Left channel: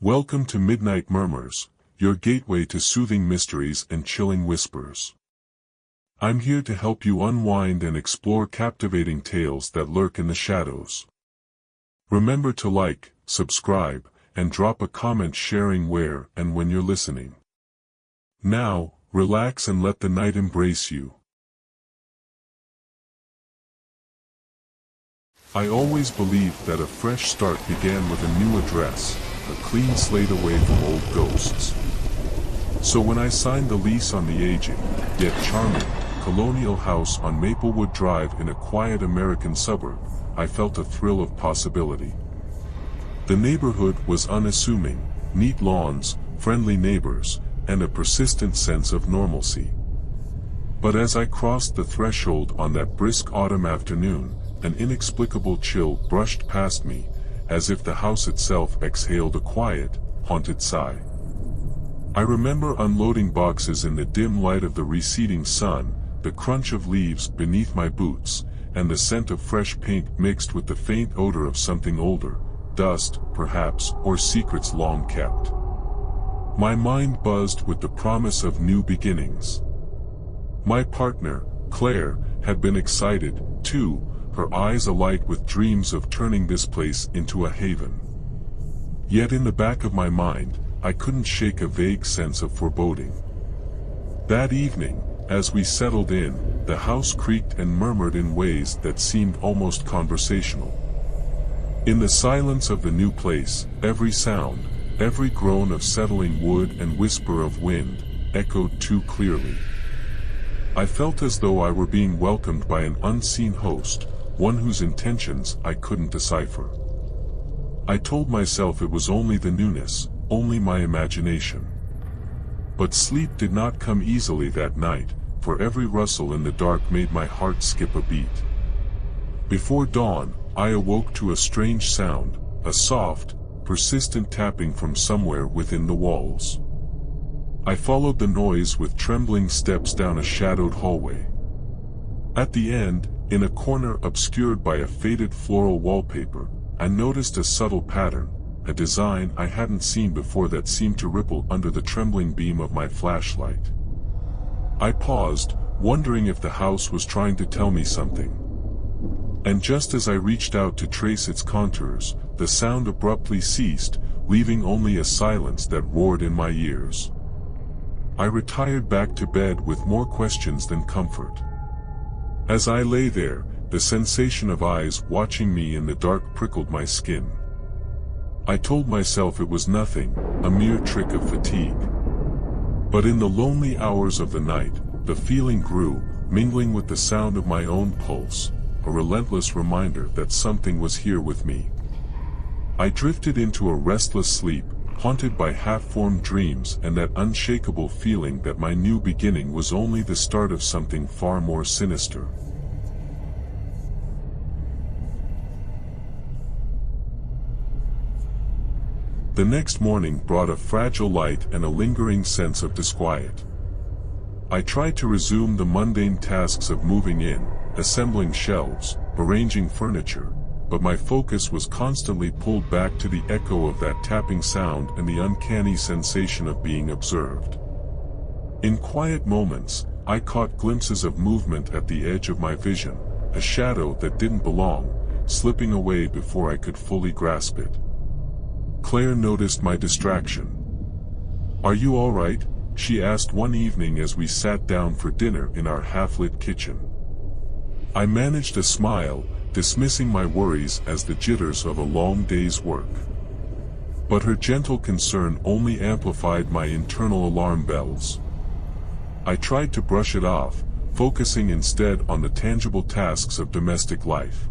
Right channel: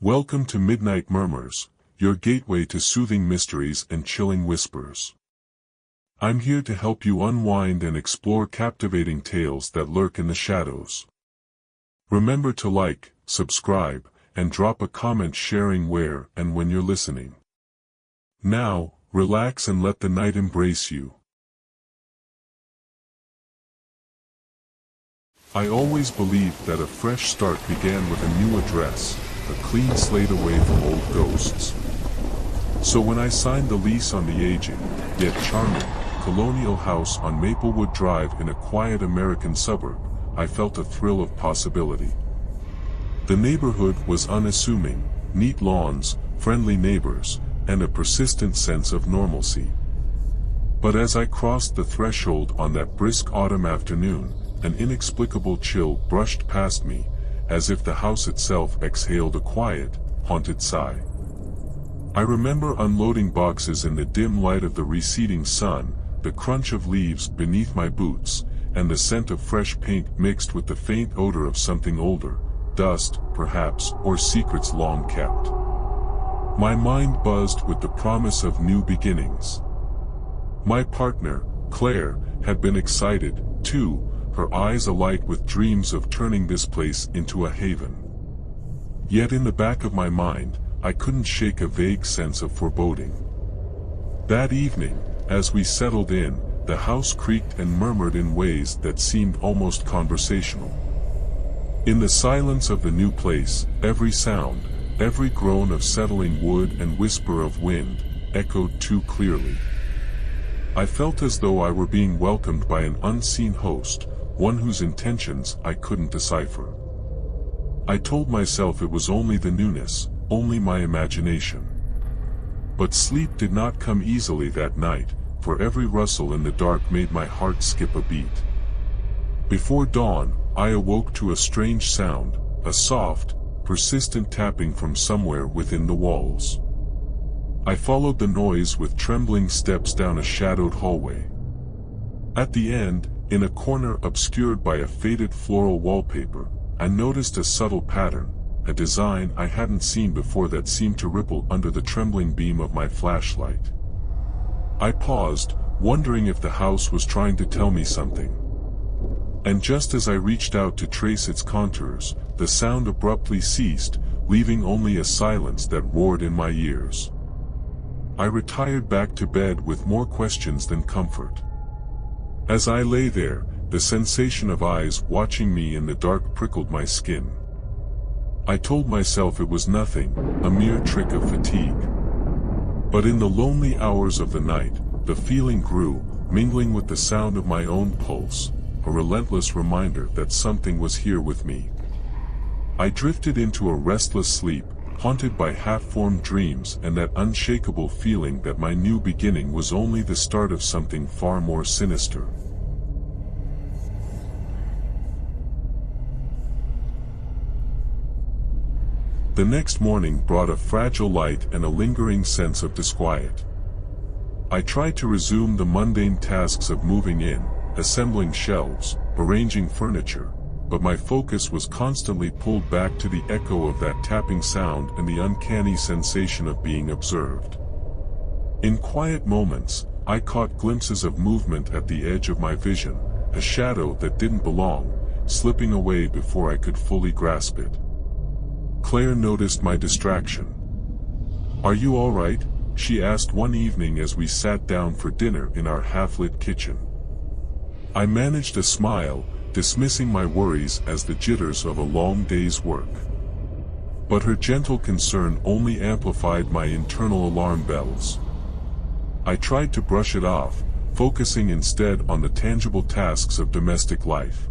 Welcome to Midnight Murmurs, your gateway to soothing mysteries and chilling whispers. I'm here to help you unwind and explore captivating tales that lurk in the shadows. Remember to like, subscribe, and drop a comment sharing where and when you're listening. Now, relax and let the night embrace you. I always believed that a fresh start began with a new address, a clean slate away from old ghosts. So when I signed the lease on the aging, yet charming, colonial house on Maplewood Drive in a quiet American suburb, I felt a thrill of possibility. The neighborhood was unassuming, neat lawns, friendly neighbors, and a persistent sense of normalcy. But as I crossed the threshold on that brisk autumn afternoon, an inexplicable chill brushed past me, as if the house itself exhaled a quiet, haunted sigh. I remember unloading boxes in the dim light of the receding sun, the crunch of leaves beneath my boots, and the scent of fresh paint mixed with the faint odor of something older, dust, perhaps, or secrets long kept. My mind buzzed with the promise of new beginnings. My partner, Claire, had been excited, too, her eyes alight with dreams of turning this place into a haven. Yet in the back of my mind, I couldn't shake a vague sense of foreboding. That evening, as we settled in, the house creaked and murmured in ways that seemed almost conversational. In the silence of the new place, every sound, every groan of settling wood and whisper of wind, echoed too clearly. I felt as though I were being welcomed by an unseen host, one whose intentions I couldn't decipher. I told myself it was only the newness, only my imagination. But sleep did not come easily that night, for every rustle in the dark made my heart skip a beat. Before dawn, I awoke to a strange sound, a soft, persistent tapping from somewhere within the walls. I followed the noise with trembling steps down a shadowed hallway. At the end, in a corner obscured by a faded floral wallpaper, I noticed a subtle pattern, a design I hadn't seen before that seemed to ripple under the trembling beam of my flashlight. I paused, wondering if the house was trying to tell me something. And just as I reached out to trace its contours, the sound abruptly ceased, leaving only a silence that roared in my ears. I retired back to bed with more questions than comfort. As I lay there, the sensation of eyes watching me in the dark prickled my skin. I told myself it was nothing, a mere trick of fatigue. But in the lonely hours of the night, the feeling grew, mingling with the sound of my own pulse, a relentless reminder that something was here with me. I drifted into a restless sleep, haunted by half-formed dreams and that unshakable feeling that my new beginning was only the start of something far more sinister. The next morning brought a fragile light and a lingering sense of disquiet. I tried to resume the mundane tasks of moving in, assembling shelves, arranging furniture, but my focus was constantly pulled back to the echo of that tapping sound and the uncanny sensation of being observed. In quiet moments, I caught glimpses of movement at the edge of my vision, a shadow that didn't belong, slipping away before I could fully grasp it. Claire noticed my distraction. "Are you all right?" she asked one evening as we sat down for dinner in our half-lit kitchen. I managed a smile, dismissing my worries as the jitters of a long day's work. But her gentle concern only amplified my internal alarm bells. I tried to brush it off, focusing instead on the tangible tasks of domestic life.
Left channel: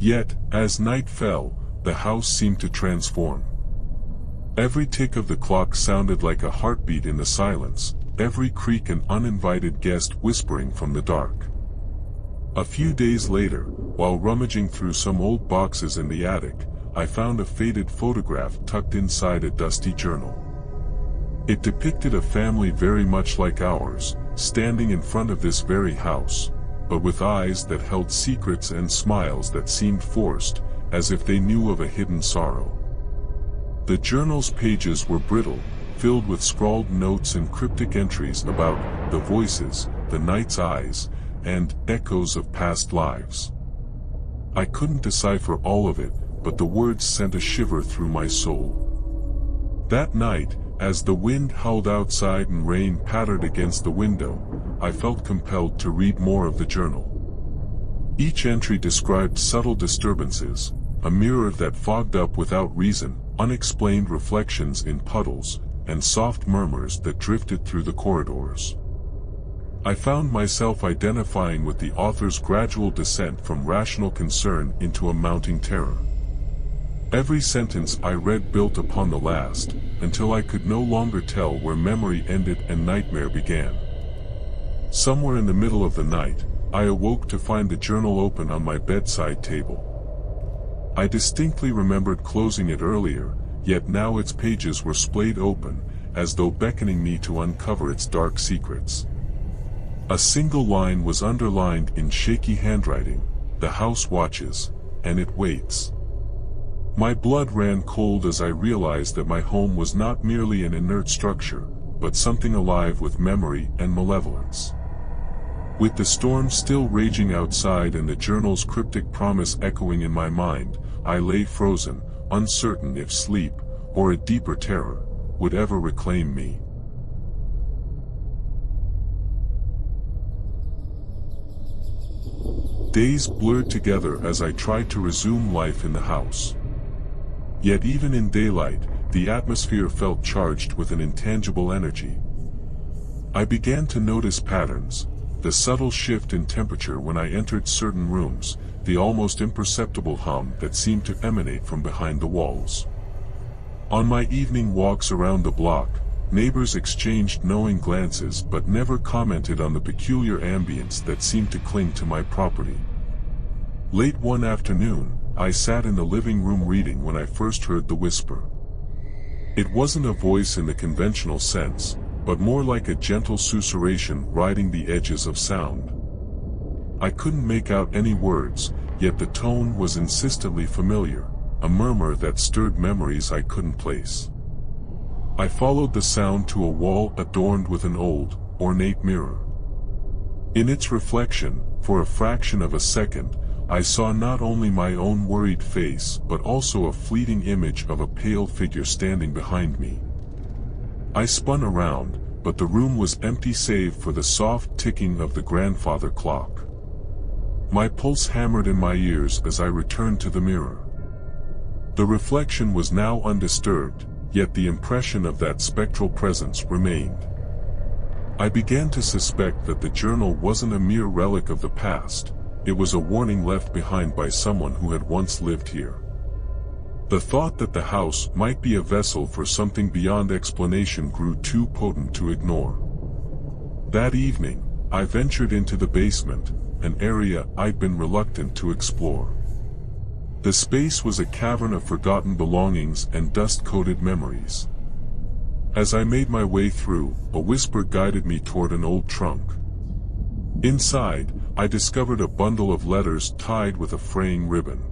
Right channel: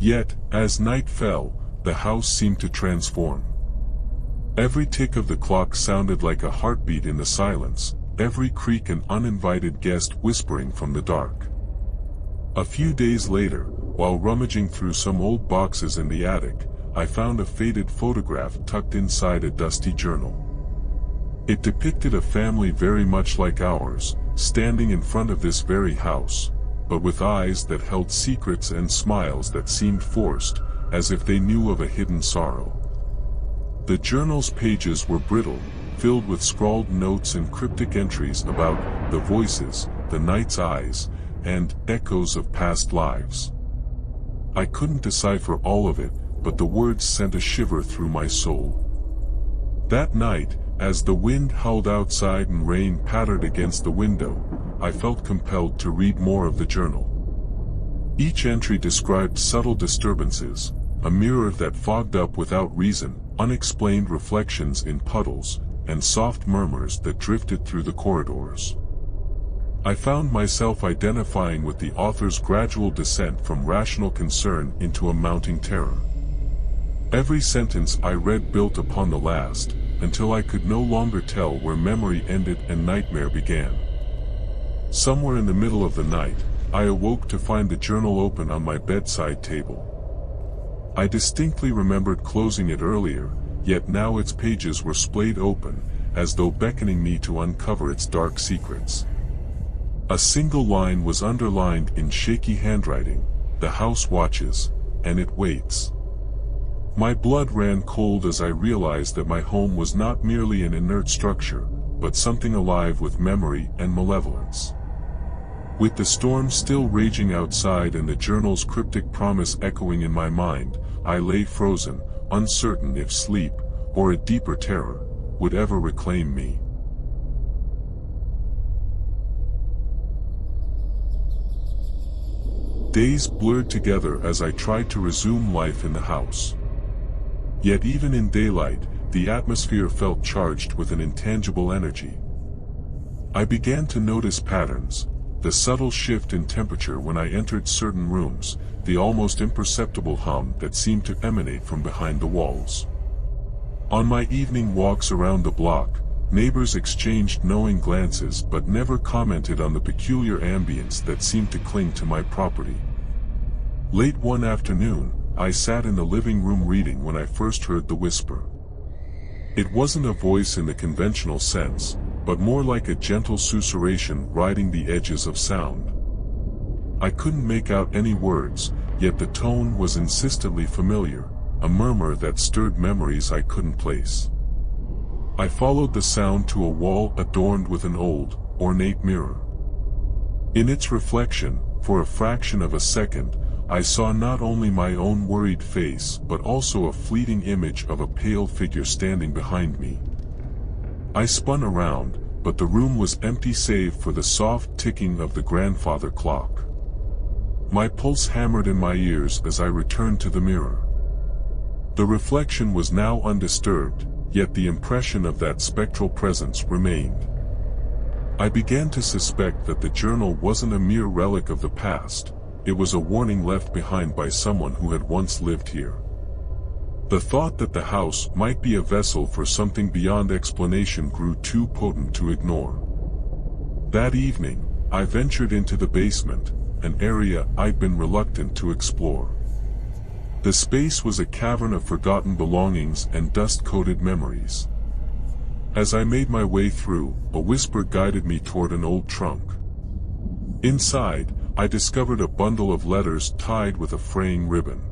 Yet, as night fell, the house seemed to transform. Every tick of the clock sounded like a heartbeat in the silence, every creak an uninvited guest whispering from the dark. A few days later, while rummaging through some old boxes in the attic, I found a faded photograph tucked inside a dusty journal. It depicted a family very much like ours, standing in front of this very house, but with eyes that held secrets and smiles that seemed forced, as if they knew of a hidden sorrow. The journal's pages were brittle, filled with scrawled notes and cryptic entries about the voices, the night's eyes, and echoes of past lives. I couldn't decipher all of it, but the words sent a shiver through my soul. That night, as the wind howled outside and rain pattered against the window, I felt compelled to read more of the journal. Each entry described subtle disturbances, a mirror that fogged up without reason, unexplained reflections in puddles, and soft murmurs that drifted through the corridors. I found myself identifying with the author's gradual descent from rational concern into a mounting terror. Every sentence I read built upon the last, until I could no longer tell where memory ended and nightmare began. Somewhere in the middle of the night, I awoke to find the journal open on my bedside table. I distinctly remembered closing it earlier, yet now its pages were splayed open, as though beckoning me to uncover its dark secrets. A single line was underlined in shaky handwriting: "The house watches, and it waits." My blood ran cold as I realized that my home was not merely an inert structure, but something alive with memory and malevolence. With the storm still raging outside and the journal's cryptic promise echoing in my mind, I lay frozen, uncertain if sleep, or a deeper terror, would ever reclaim me. Days blurred together as I tried to resume life in the house. Yet even in daylight, the atmosphere felt charged with an intangible energy. I began to notice patterns: the subtle shift in temperature when I entered certain rooms, the almost imperceptible hum that seemed to emanate from behind the walls. On my evening walks around the block, neighbors exchanged knowing glances but never commented on the peculiar ambience that seemed to cling to my property. Late one afternoon, I sat in the living room reading when I first heard the whisper. It wasn't a voice in the conventional sense, but more like a gentle susurration riding the edges of sound. I couldn't make out any words, yet the tone was insistently familiar, a murmur that stirred memories I couldn't place. I followed the sound to a wall adorned with an old, ornate mirror. In its reflection, for a fraction of a second, I saw not only my own worried face but also a fleeting image of a pale figure standing behind me. I spun around, but the room was empty save for the soft ticking of the grandfather clock. My pulse hammered in my ears as I returned to the mirror. The reflection was now undisturbed, yet the impression of that spectral presence remained. I began to suspect that the journal wasn't a mere relic of the past. It was a warning left behind by someone who had once lived here. The thought that the house might be a vessel for something beyond explanation grew too potent to ignore. That evening, I ventured into the basement, an area I'd been reluctant to explore. The space was a cavern of forgotten belongings and dust-coated memories. As I made my way through, a whisper guided me toward an old trunk. Inside, I discovered a bundle of letters tied with a fraying ribbon.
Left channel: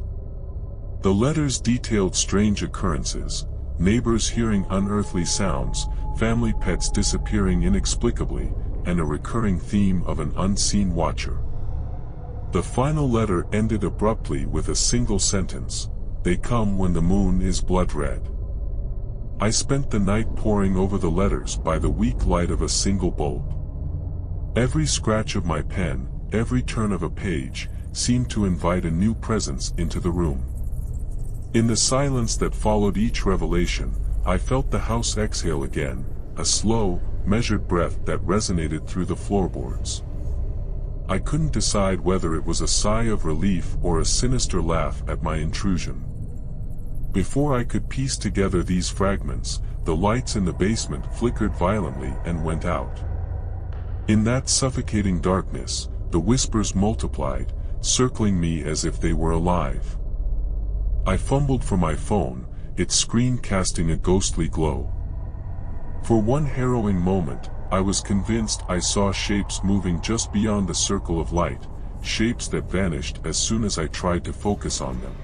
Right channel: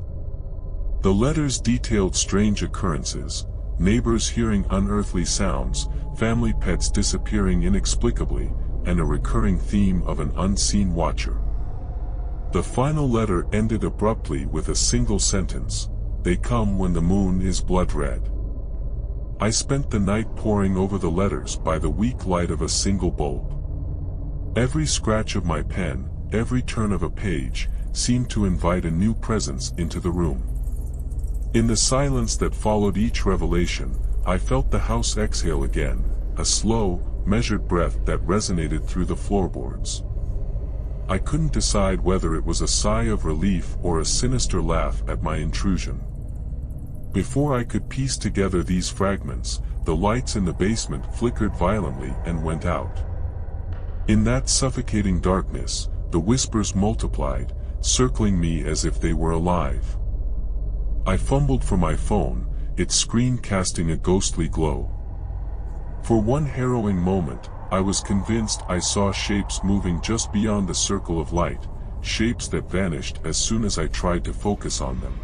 The letters detailed strange occurrences: neighbors hearing unearthly sounds, family pets disappearing inexplicably, and a recurring theme of an unseen watcher. The final letter ended abruptly with a single sentence: "They come when the moon is blood red." I spent the night poring over the letters by the weak light of a single bulb. Every scratch of my pen, every turn of a page, seemed to invite a new presence into the room. In the silence that followed each revelation, I felt the house exhale again, a slow, measured breath that resonated through the floorboards. I couldn't decide whether it was a sigh of relief or a sinister laugh at my intrusion. Before I could piece together these fragments, the lights in the basement flickered violently and went out. In that suffocating darkness, the whispers multiplied, circling me as if they were alive. I fumbled for my phone, its screen casting a ghostly glow. For one harrowing moment, I was convinced I saw shapes moving just beyond the circle of light, shapes that vanished as soon as I tried to focus on them.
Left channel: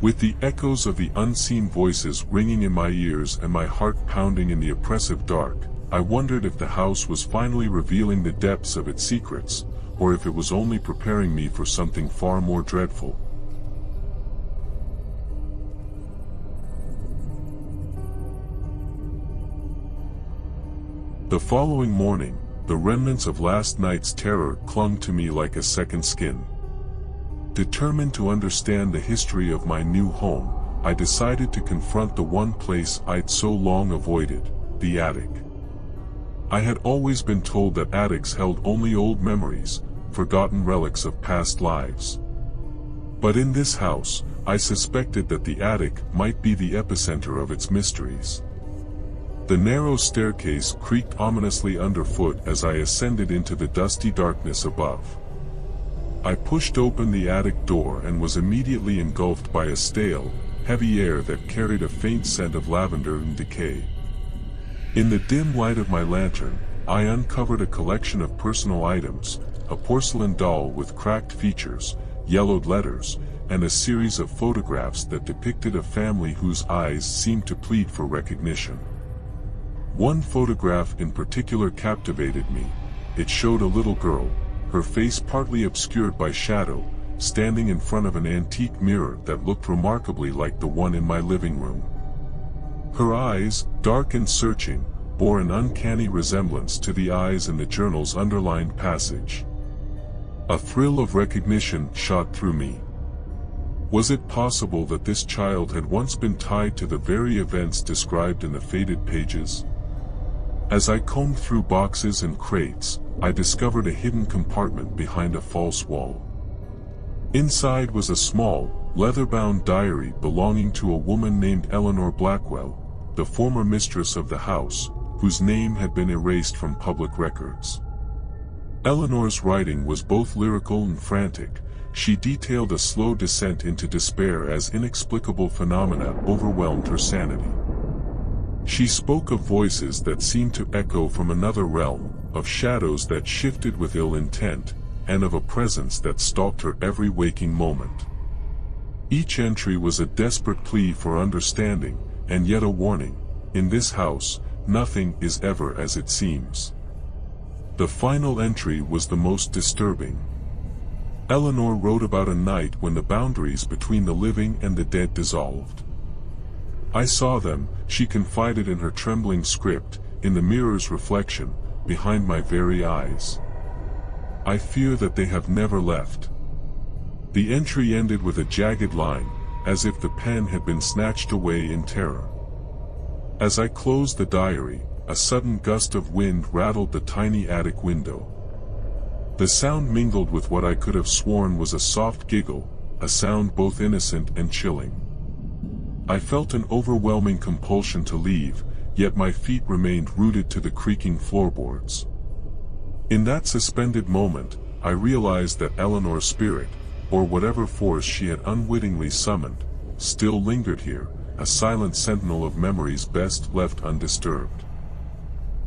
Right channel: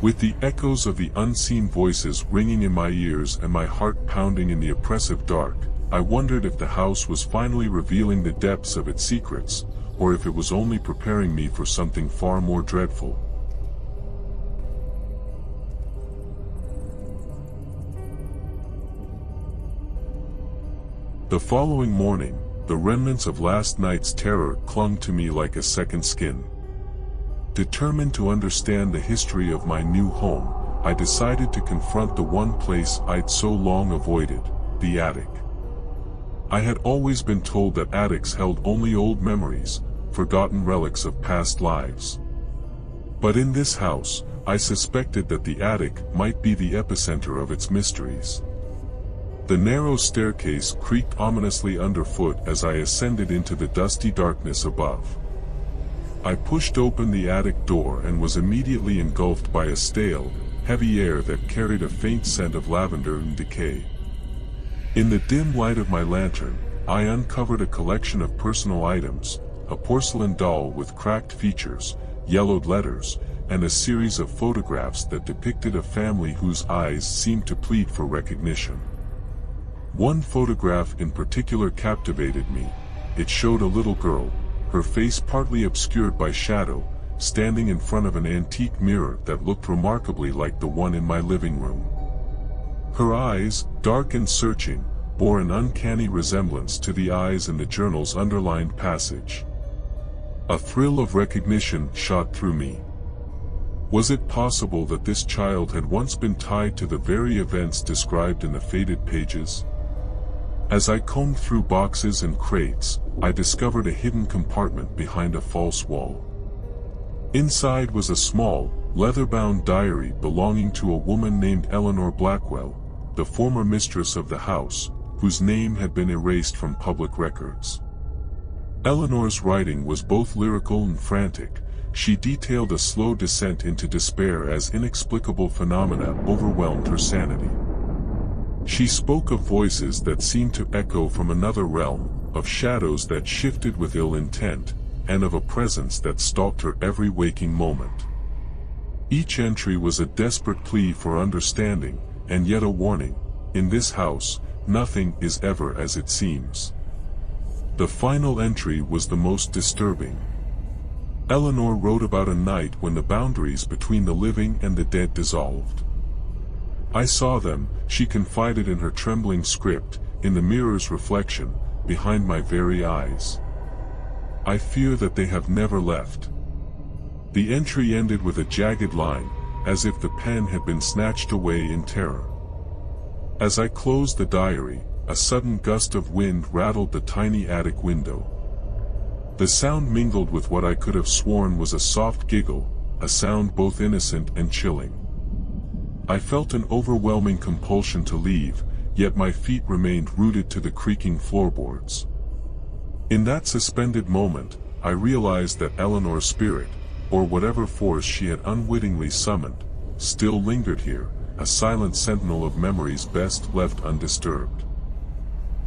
With the echoes of the unseen voices ringing in my ears and my heart pounding in the oppressive dark, I wondered if the house was finally revealing the depths of its secrets, or if it was only preparing me for something far more dreadful. The following morning, the remnants of last night's terror clung to me like a second skin. Determined to understand the history of my new home, I decided to confront the one place I'd so long avoided, the attic. I had always been told that attics held only old memories, forgotten relics of past lives. But in this house, I suspected that the attic might be the epicenter of its mysteries. The narrow staircase creaked ominously underfoot as I ascended into the dusty darkness above. I pushed open the attic door and was immediately engulfed by a stale, heavy air that carried a faint scent of lavender and decay. In the dim light of my lantern, I uncovered a collection of personal items, a porcelain doll with cracked features, yellowed letters, and a series of photographs that depicted a family whose eyes seemed to plead for recognition. One photograph in particular captivated me. It showed a little girl, her face partly obscured by shadow, standing in front of an antique mirror that looked remarkably like the one in my living room. Her eyes, dark and searching, bore an uncanny resemblance to the eyes in the journal's underlined passage. A thrill of recognition shot through me. Was it possible that this child had once been tied to the very events described in the faded pages? As I combed through boxes and crates, I discovered a hidden compartment behind a false wall. Inside was a small, leather-bound diary belonging to a woman named Eleanor Blackwell, the former mistress of the house, whose name had been erased from public records. Eleanor's writing was both lyrical and frantic. She detailed a slow descent into despair as inexplicable phenomena overwhelmed her sanity. She spoke of voices that seemed to echo from another realm, of shadows that shifted with ill intent, and of a presence that stalked her every waking moment. Each entry was a desperate plea for understanding, and yet a warning: in this house, nothing is ever as it seems. The final entry was the most disturbing. Eleanor wrote about a night when the boundaries between the living and the dead dissolved. I saw them, she confided in her trembling script, in the mirror's reflection, behind my very eyes. I fear that they have never left. The entry ended with a jagged line, as if the pen had been snatched away in terror. As I closed the diary, a sudden gust of wind rattled the tiny attic window. The sound mingled with what I could have sworn was a soft giggle, a sound both innocent and chilling. I felt an overwhelming compulsion to leave, yet my feet remained rooted to the creaking floorboards. In that suspended moment, I realized that Eleanor's spirit, or whatever force she had unwittingly summoned, still lingered here, a silent sentinel of memories best left undisturbed.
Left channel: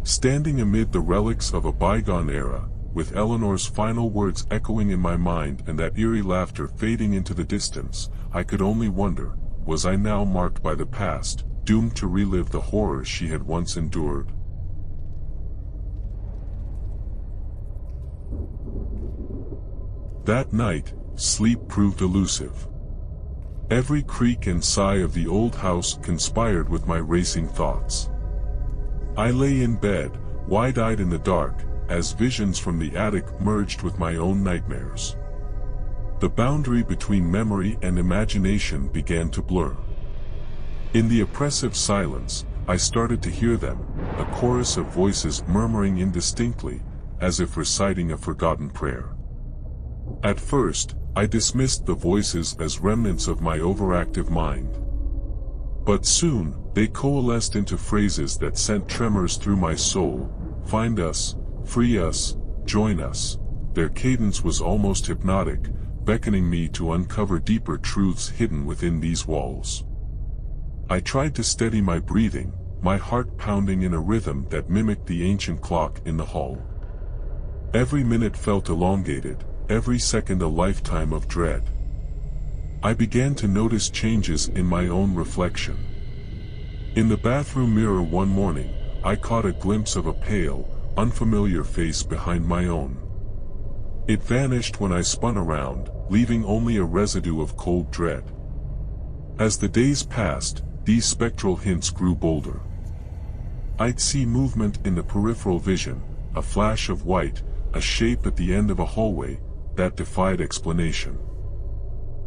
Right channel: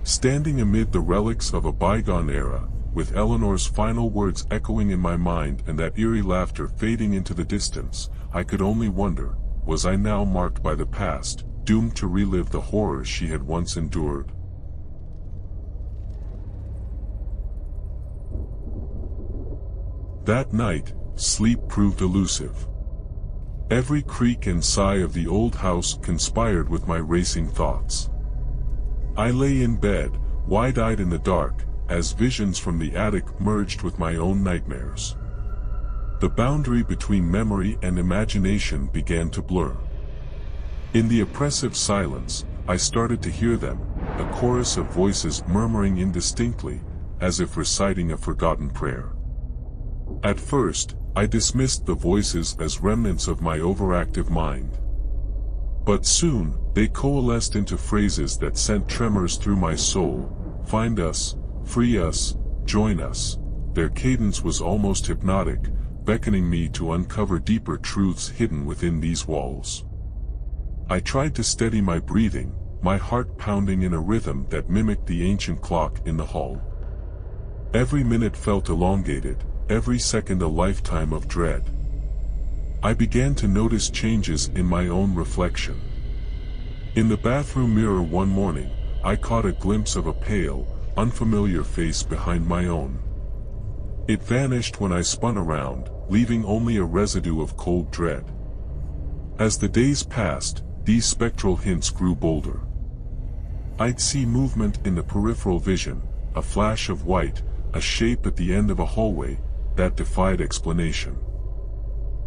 Standing amid the relics of a bygone era, with Eleanor's final words echoing in my mind and that eerie laughter fading into the distance, I could only wonder, was I now marked by the past, doomed to relive the horrors she had once endured? That night, sleep proved elusive. Every creak and sigh of the old house conspired with my racing thoughts. I lay in bed, wide-eyed in the dark, as visions from the attic merged with my own nightmares. The boundary between memory and imagination began to blur. In the oppressive silence, I started to hear them, a chorus of voices murmuring indistinctly, as if reciting a forgotten prayer. At first, I dismissed the voices as remnants of my overactive mind. But soon, they coalesced into phrases that sent tremors through my soul: find us, free us, join us. Their cadence was almost hypnotic, beckoning me to uncover deeper truths hidden within these walls. I tried to steady my breathing, my heart pounding in a rhythm that mimicked the ancient clock in the hall. Every minute felt elongated, every second a lifetime of dread. I began to notice changes in my own reflection. In the bathroom mirror one morning, I caught a glimpse of a pale, unfamiliar face behind my own. It vanished when I spun around, leaving only a residue of cold dread. As the days passed, these spectral hints grew bolder. I'd see movement in the peripheral vision, a flash of white, a shape at the end of a hallway, that defied explanation.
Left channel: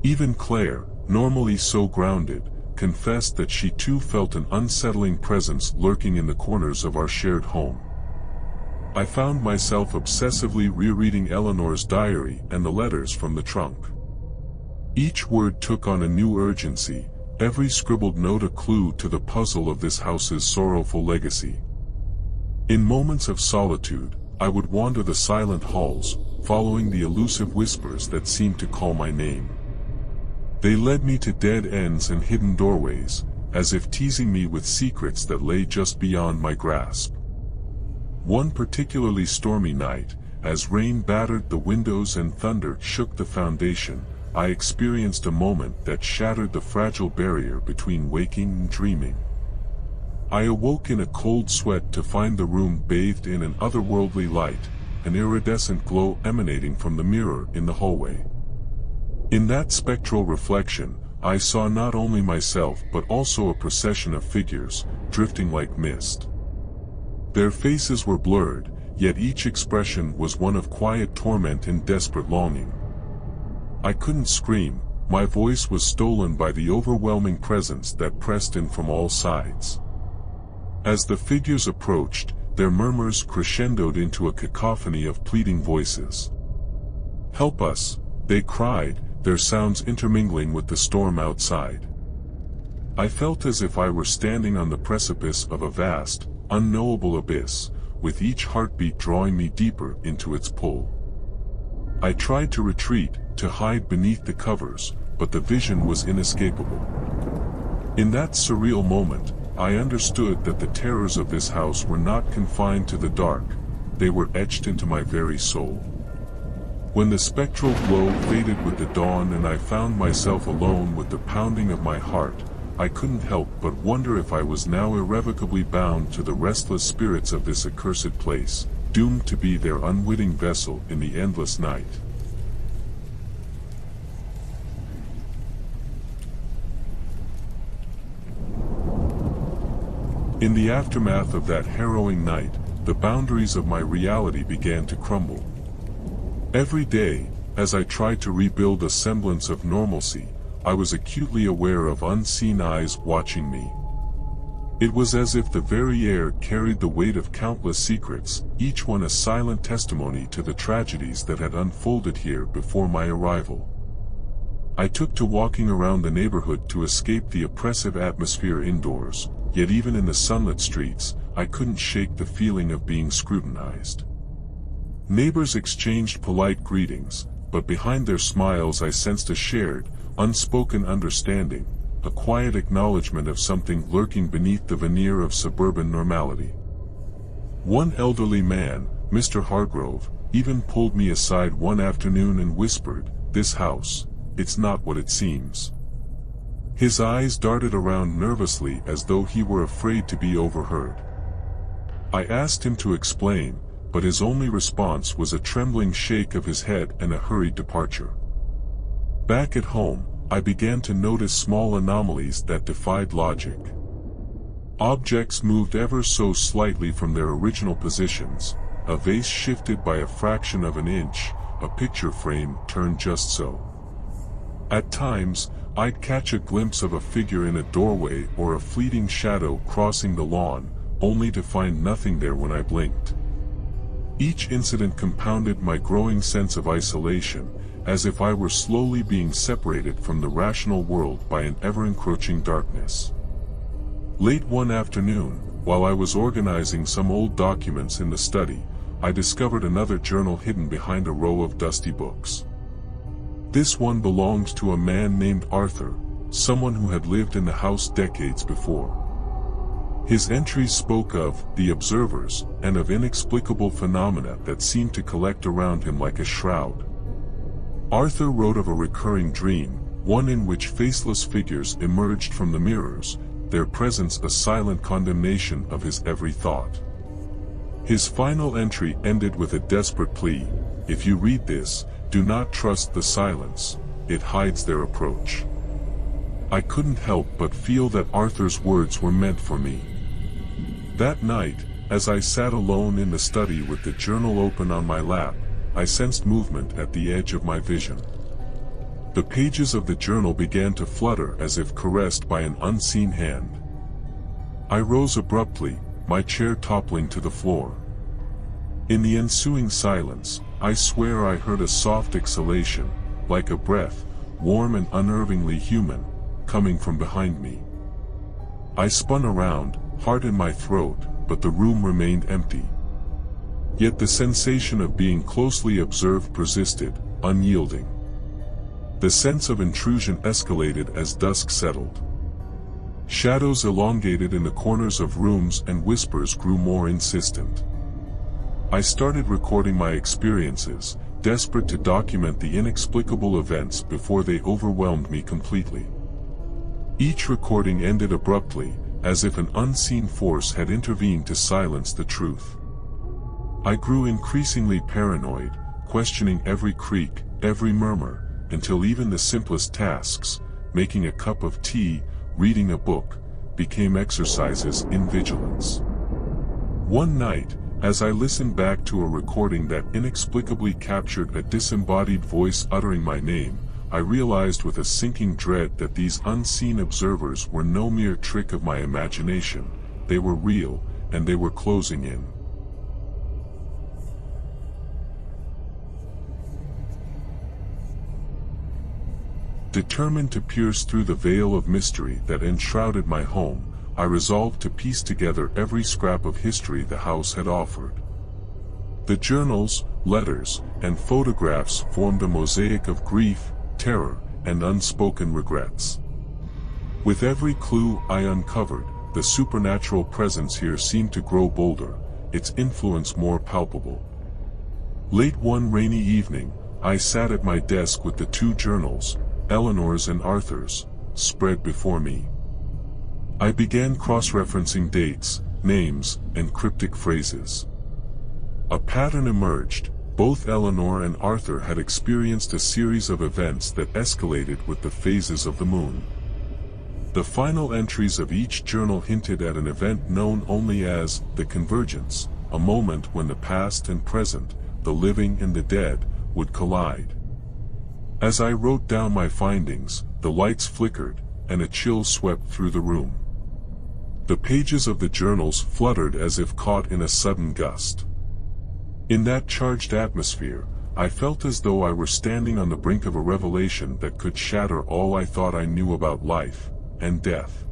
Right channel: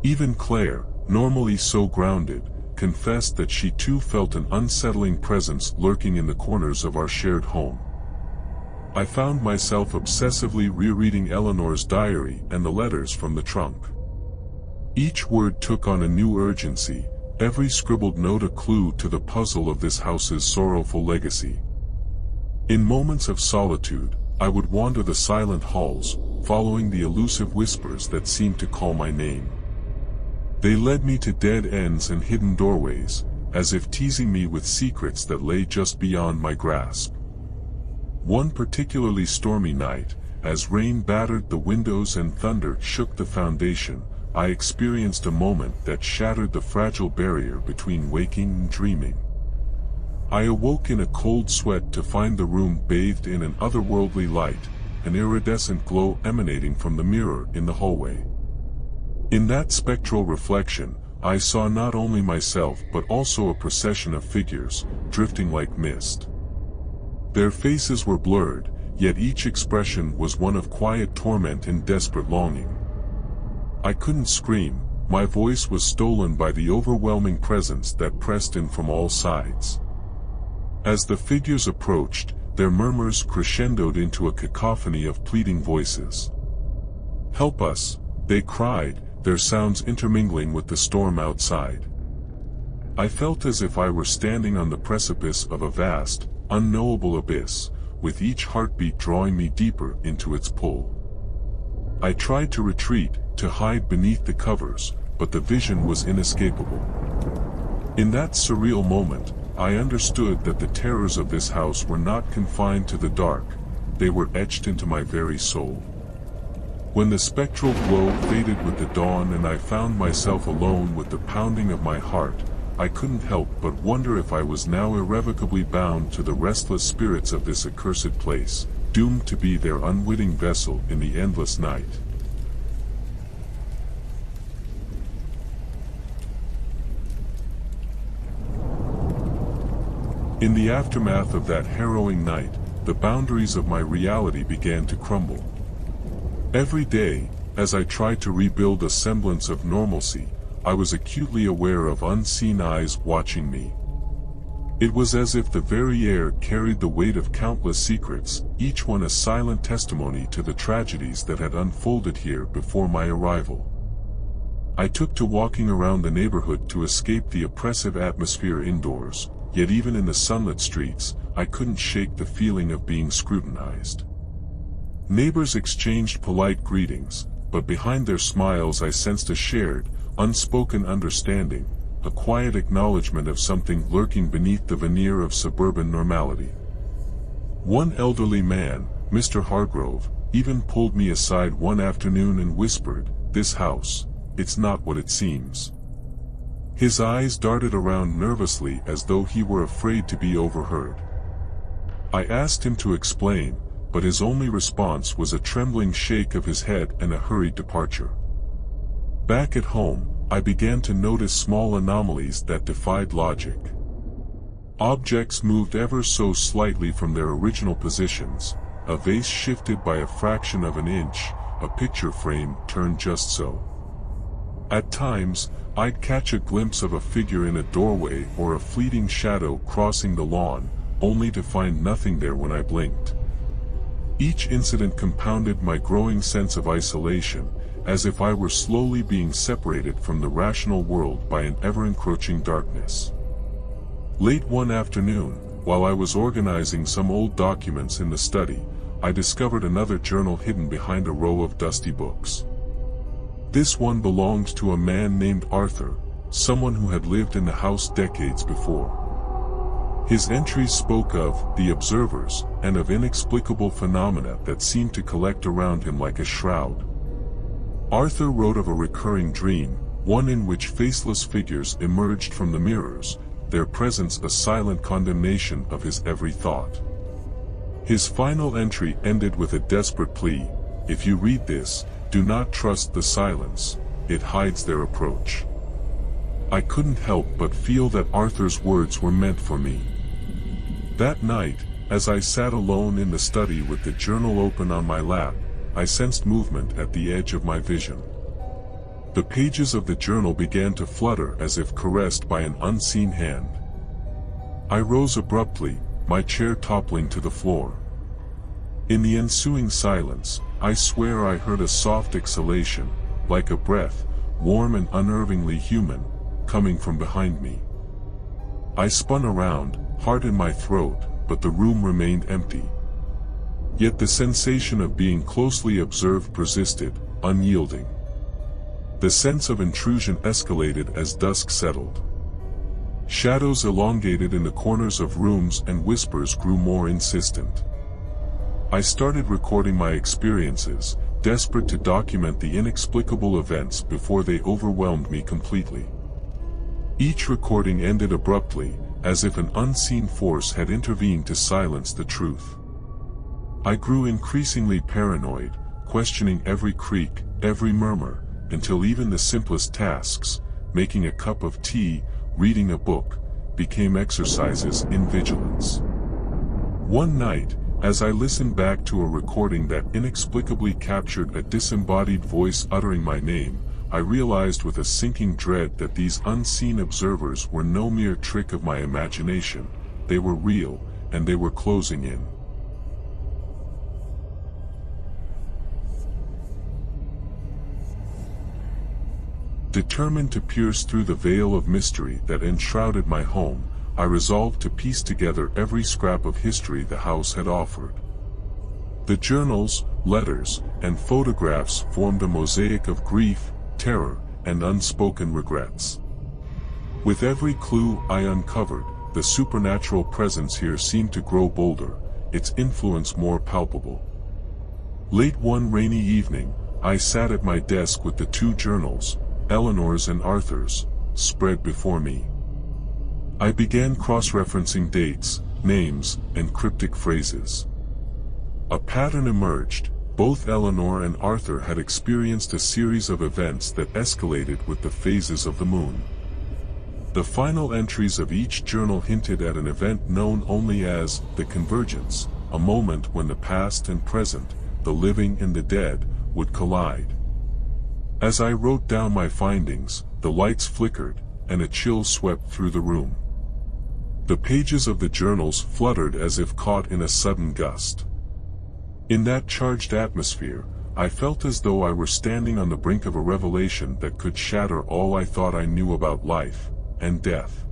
Even Claire, normally so grounded, confessed that she too felt an unsettling presence lurking in the corners of our shared home. I found myself obsessively rereading Eleanor's diary and the letters from the trunk. Each word took on a new urgency, every scribbled note a clue to the puzzle of this house's sorrowful legacy. In moments of solitude, I would wander the silent halls, following the elusive whispers that seemed to call my name. They led me to dead ends and hidden doorways, as if teasing me with secrets that lay just beyond my grasp. One particularly stormy night, as rain battered the windows and thunder shook the foundation, I experienced a moment that shattered the fragile barrier between waking and dreaming. I awoke in a cold sweat to find the room bathed in an otherworldly light, an iridescent glow emanating from the mirror in the hallway. In that spectral reflection, I saw not only myself but also a procession of figures, drifting like mist. Their faces were blurred, yet each expression was one of quiet torment and desperate longing. I couldn't scream, my voice was stolen by the overwhelming presence that pressed in from all sides. As the figures approached, their murmurs crescendoed into a cacophony of pleading voices. "Help us," they cried, their sounds intermingling with the storm outside. I felt as if I were standing on the precipice of a vast, unknowable abyss, with each heartbeat drawing me deeper into its pull. I tried to retreat, to hide beneath the covers, but the vision was inescapable. In that surreal moment, I understood that the terrors of this house were not confined to the dark, they were etched into my very soul. When the spectral glow faded with the dawn and I found myself alone with the pounding of my heart, I couldn't help but wonder if I was now irrevocably bound to the restless spirits of this accursed place, doomed to be their unwitting vessel in the endless night. In the aftermath of that harrowing night, the boundaries of my reality began to crumble. Every day, as I tried to rebuild a semblance of normalcy, I was acutely aware of unseen eyes watching me. It was as if the very air carried the weight of countless secrets, each one a silent testimony to the tragedies that had unfolded here before my arrival. I took to walking around the neighborhood to escape the oppressive atmosphere indoors, yet even in the sunlit streets, I couldn't shake the feeling of being scrutinized. Neighbors exchanged polite greetings, but behind their smiles I sensed a shared, unspoken understanding, a quiet acknowledgement of something lurking beneath the veneer of suburban normality. One elderly man, Mr. Hargrove, even pulled me aside one afternoon and whispered, "This house, it's not what it seems." His eyes darted around nervously as though he were afraid to be overheard. I asked him to explain, but his only response was a trembling shake of his head and a hurried departure. Back at home, I began to notice small anomalies that defied logic. Objects moved ever so slightly from their original positions, a vase shifted by a fraction of an inch, a picture frame turned just so. At times, I'd catch a glimpse of a figure in a doorway or a fleeting shadow crossing the lawn, only to find nothing there when I blinked. Each incident compounded my growing sense of isolation, as if I were slowly being separated from the rational world by an ever-encroaching darkness. Late one afternoon, while I was organizing some old documents in the study, I discovered another journal hidden behind a row of dusty books. This one belonged to a man named Arthur, someone who had lived in the house decades before. His entries spoke of the observers and of inexplicable phenomena that seemed to collect around him like a shroud. Arthur wrote of a recurring dream, one in which faceless figures emerged from the mirrors, their presence a silent condemnation of his every thought. His final entry ended with a desperate plea: "If you read this, do not trust the silence, it hides their approach." I couldn't help but feel that Arthur's words were meant for me. That night, as I sat alone in the study with the journal open on my lap, I sensed movement at the edge of my vision. The pages of the journal began to flutter as if caressed by an unseen hand. I rose abruptly, my chair toppling to the floor. In the ensuing silence, I swear I heard a soft exhalation, like a breath, warm and unnervingly human, coming from behind me. I spun around, heart in my throat, but the room remained empty. Yet the sensation of being closely observed persisted, unyielding. The sense of intrusion escalated as dusk settled. Shadows elongated in the corners of rooms and whispers grew more insistent. I started recording my experiences, desperate to document the inexplicable events before they overwhelmed me completely. Each recording ended abruptly, as if an unseen force had intervened to silence the truth. I grew increasingly paranoid, questioning every creak, every murmur, until even the simplest tasks, making a cup of tea, reading a book, became exercises in vigilance. One night, as I listened back to a recording that inexplicably captured a disembodied voice uttering my name, I realized with a sinking dread that these unseen observers were no mere trick of my imagination. They were real, and they were closing in. Determined to pierce through the veil of mystery that enshrouded my home, I resolved to piece together every scrap of history the house had offered. The journals, letters, and photographs formed a mosaic of grief, terror, and unspoken regrets. With every clue I uncovered, the supernatural presence here seemed to grow bolder, its influence more palpable. Late one rainy evening, I sat at my desk with the two journals, Eleanor's and Arthur's, spread before me. I began cross-referencing dates, names, and cryptic phrases. A pattern emerged. Both Eleanor and Arthur had experienced a series of events that escalated with the phases of the moon. The final entries of each journal hinted at an event known only as the convergence, a moment when the past and present, the living and the dead, would collide. As I wrote down my findings, the lights flickered, and a chill swept through the room. The pages of the journals fluttered as if caught in a sudden gust. In that charged atmosphere, I felt as though I were standing on the brink of a revelation that could shatter all I thought I knew about life and death.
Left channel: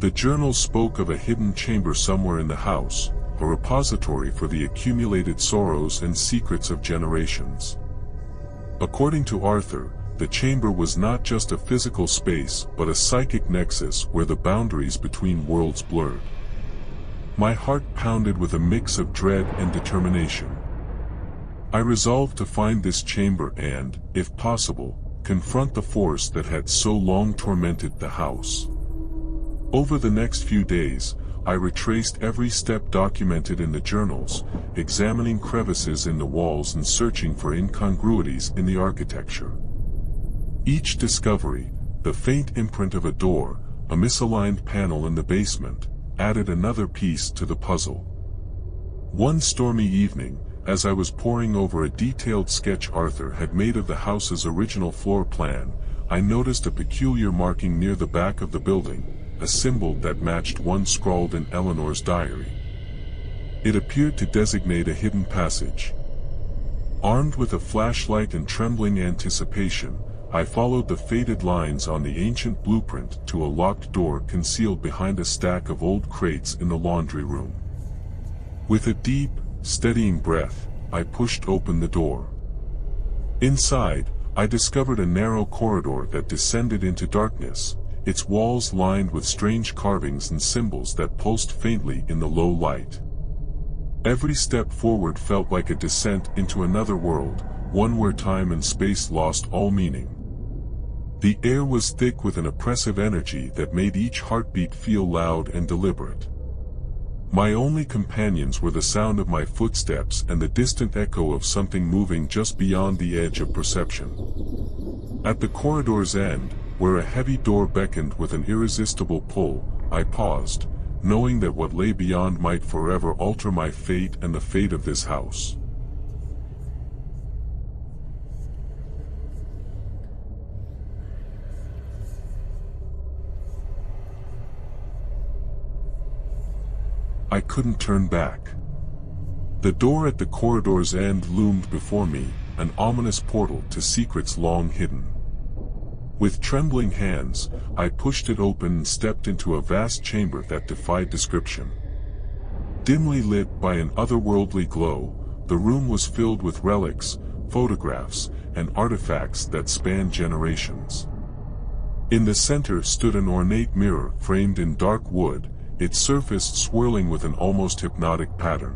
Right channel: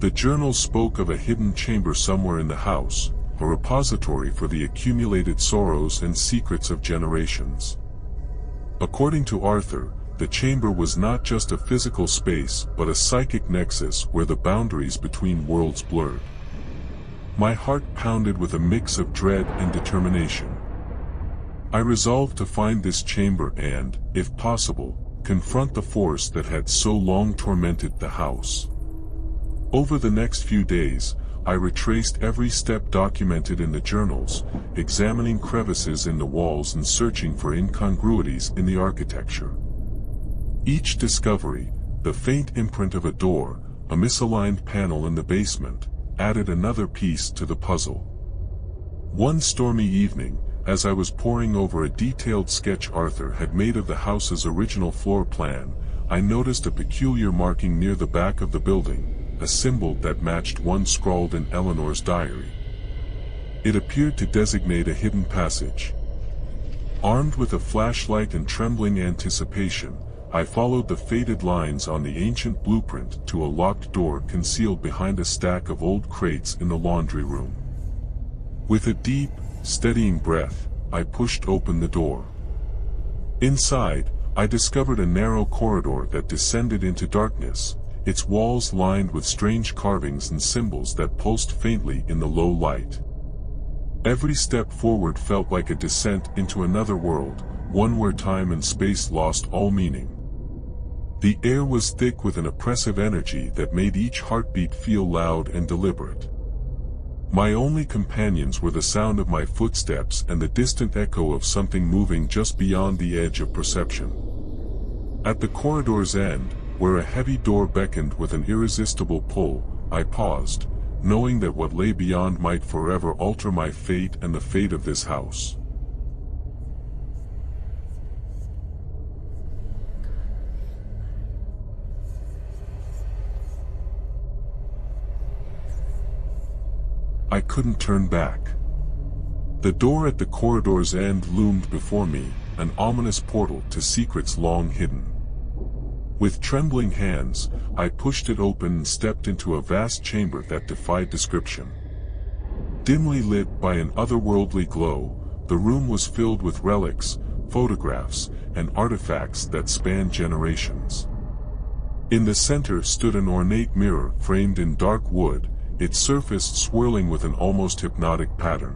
The journals spoke of a hidden chamber somewhere in the house, a repository for the accumulated sorrows and secrets of generations. According to Arthur, the chamber was not just a physical space but a psychic nexus where the boundaries between worlds blurred. My heart pounded with a mix of dread and determination. I resolved to find this chamber and, if possible, confront the force that had so long tormented the house. Over the next few days, I retraced every step documented in the journals, examining crevices in the walls and searching for incongruities in the architecture. Each discovery, the faint imprint of a door, a misaligned panel in the basement, added another piece to the puzzle. One stormy evening, as I was poring over a detailed sketch Arthur had made of the house's original floor plan, I noticed a peculiar marking near the back of the building, a symbol that matched one scrawled in Eleanor's diary. It appeared to designate a hidden passage. Armed with a flashlight and trembling anticipation, I followed the faded lines on the ancient blueprint to a locked door concealed behind a stack of old crates in the laundry room. With a deep, steadying breath, I pushed open the door. Inside, I discovered a narrow corridor that descended into darkness, its walls lined with strange carvings and symbols that pulsed faintly in the low light. Every step forward felt like a descent into another world, one where time and space lost all meaning. The air was thick with an oppressive energy that made each heartbeat feel loud and deliberate. My only companions were the sound of my footsteps and the distant echo of something moving just beyond the edge of perception. At the corridor's end, where a heavy door beckoned with an irresistible pull, I paused, knowing that what lay beyond might forever alter my fate and the fate of this house. I couldn't turn back. The door at the corridor's end loomed before me, an ominous portal to secrets long hidden. With trembling hands, I pushed it open and stepped into a vast chamber that defied description. Dimly lit by an otherworldly glow, the room was filled with relics, photographs, and artifacts that spanned generations. In the center stood an ornate mirror framed in dark wood, its surface swirling with an almost hypnotic pattern.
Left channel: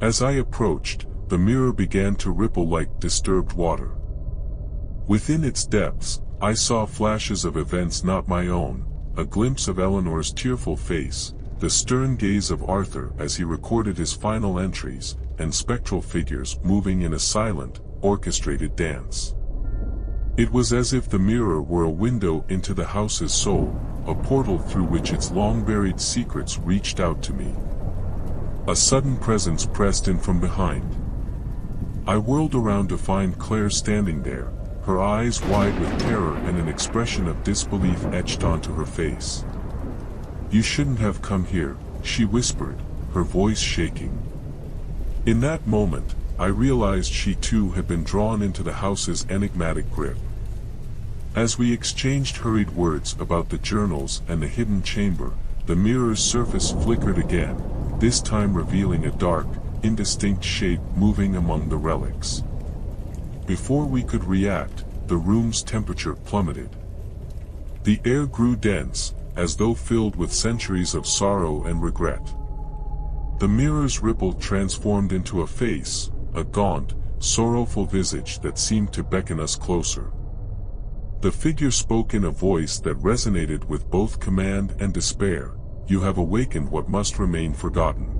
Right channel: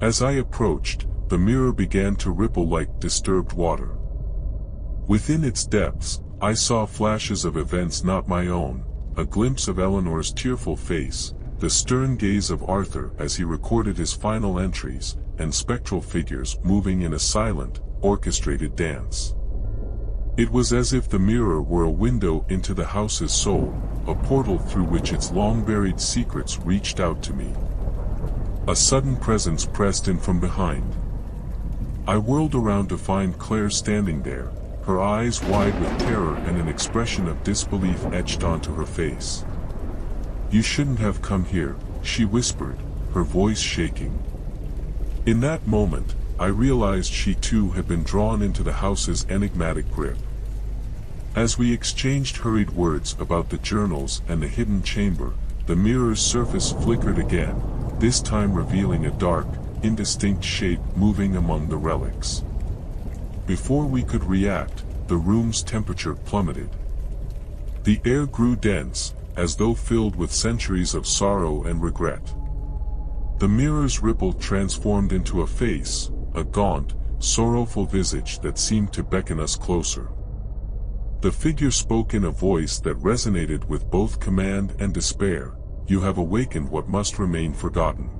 As I approached, the mirror began to ripple like disturbed water. Within its depths, I saw flashes of events not my own, a glimpse of Eleanor's tearful face, the stern gaze of Arthur as he recorded his final entries, and spectral figures moving in a silent, orchestrated dance. It was as if the mirror were a window into the house's soul, a portal through which its long-buried secrets reached out to me. A sudden presence pressed in from behind. I whirled around to find Claire standing there, her eyes wide with terror and an expression of disbelief etched onto her face. "You shouldn't have come here," she whispered, her voice shaking. In that moment, I realized she too had been drawn into the house's enigmatic grip. As we exchanged hurried words about the journals and the hidden chamber, the mirror's surface flickered again, this time revealing a dark, indistinct shape moving among the relics. Before we could react, the room's temperature plummeted. The air grew dense, as though filled with centuries of sorrow and regret. The mirror's ripple transformed into a face, a gaunt, sorrowful visage that seemed to beckon us closer. The figure spoke in a voice that resonated with both command and despair, "You have awakened what must remain forgotten."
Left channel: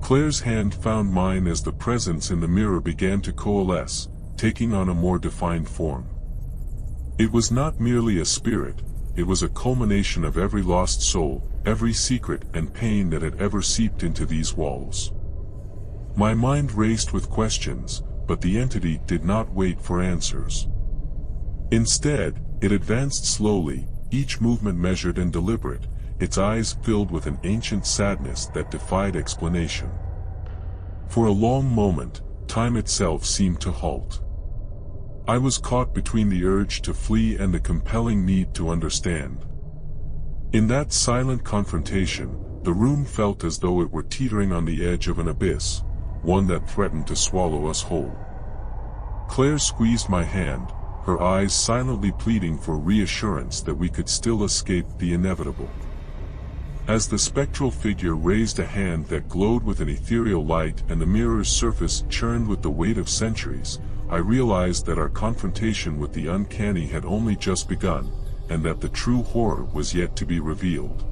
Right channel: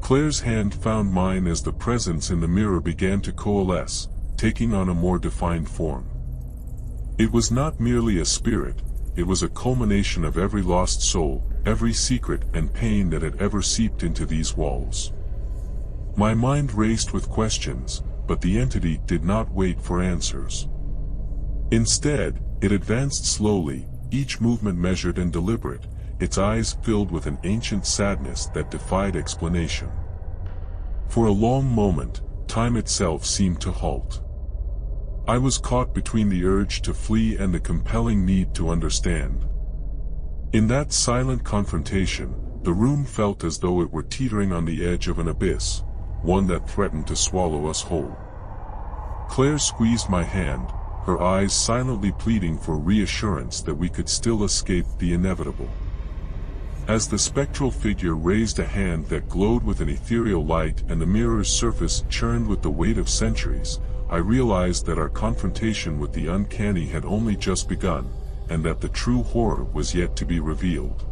Claire's hand found mine as the presence in the mirror began to coalesce, taking on a more defined form. It was not merely a spirit, it was a culmination of every lost soul, every secret and pain that had ever seeped into these walls. My mind raced with questions, but the entity did not wait for answers. Instead, it advanced slowly, each movement measured and deliberate, its eyes filled with an ancient sadness that defied explanation. For a long moment, time itself seemed to halt. I was caught between the urge to flee and the compelling need to understand. In that silent confrontation, the room felt as though it were teetering on the edge of an abyss, one that threatened to swallow us whole. Claire squeezed my hand, her eyes silently pleading for reassurance that we could still escape the inevitable. As the spectral figure raised a hand that glowed with an ethereal light and the mirror's surface churned with the weight of centuries, I realized that our confrontation with the uncanny had only just begun, and that the true horror was yet to be revealed.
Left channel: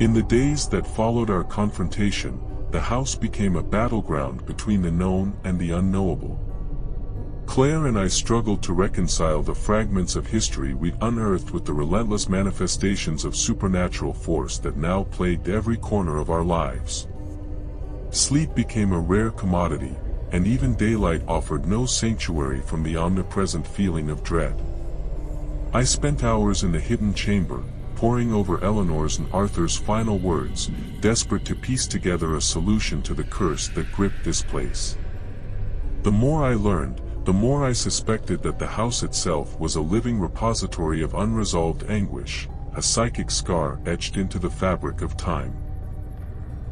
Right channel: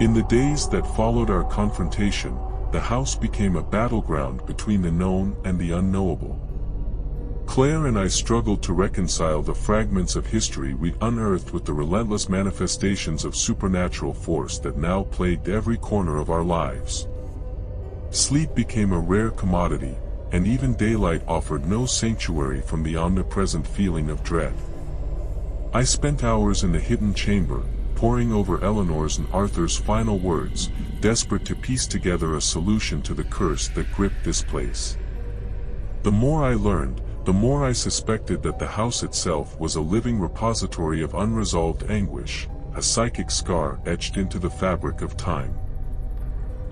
In the days that followed our confrontation, the house became a battleground between the known and the unknowable. Claire and I struggled to reconcile the fragments of history we unearthed with the relentless manifestations of supernatural force that now plagued every corner of our lives. Sleep became a rare commodity, and even daylight offered no sanctuary from the omnipresent feeling of dread. I spent hours in the hidden chamber, poring over Eleanor's and Arthur's final words, desperate to piece together a solution to the curse that gripped this place. The more I learned, the more I suspected that the house itself was a living repository of unresolved anguish, a psychic scar etched into the fabric of time.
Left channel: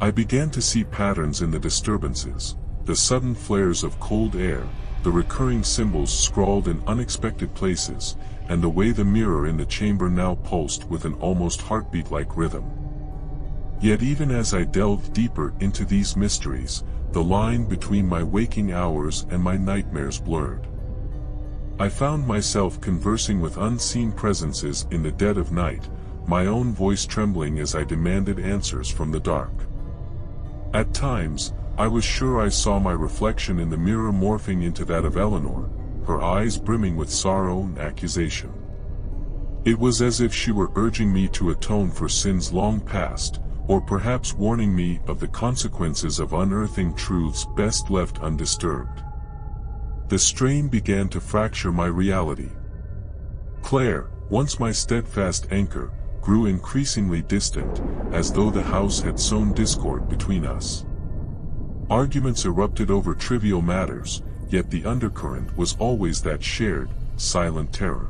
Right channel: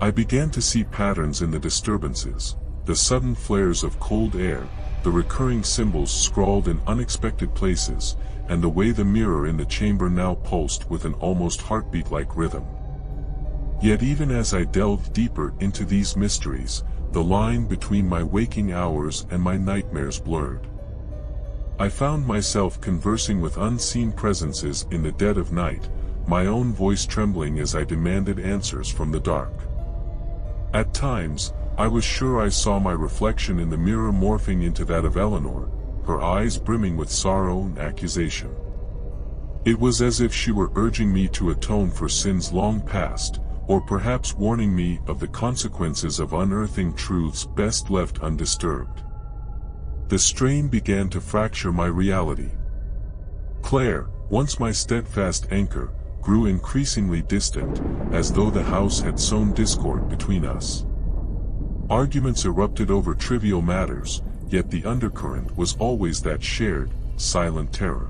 I began to see patterns in the disturbances, the sudden flares of cold air, the recurring symbols scrawled in unexpected places, and the way the mirror in the chamber now pulsed with an almost heartbeat-like rhythm. Yet even as I delved deeper into these mysteries, the line between my waking hours and my nightmares blurred. I found myself conversing with unseen presences in the dead of night, my own voice trembling as I demanded answers from the dark. At times, I was sure I saw my reflection in the mirror morphing into that of Eleanor, her eyes brimming with sorrow and accusation. It was as if she were urging me to atone for sins long past, or perhaps warning me of the consequences of unearthing truths best left undisturbed. The strain began to fracture my reality. Claire, once my steadfast anchor, grew increasingly distant, as though the house had sown discord between us. Arguments erupted over trivial matters, yet the undercurrent was always that shared, silent terror.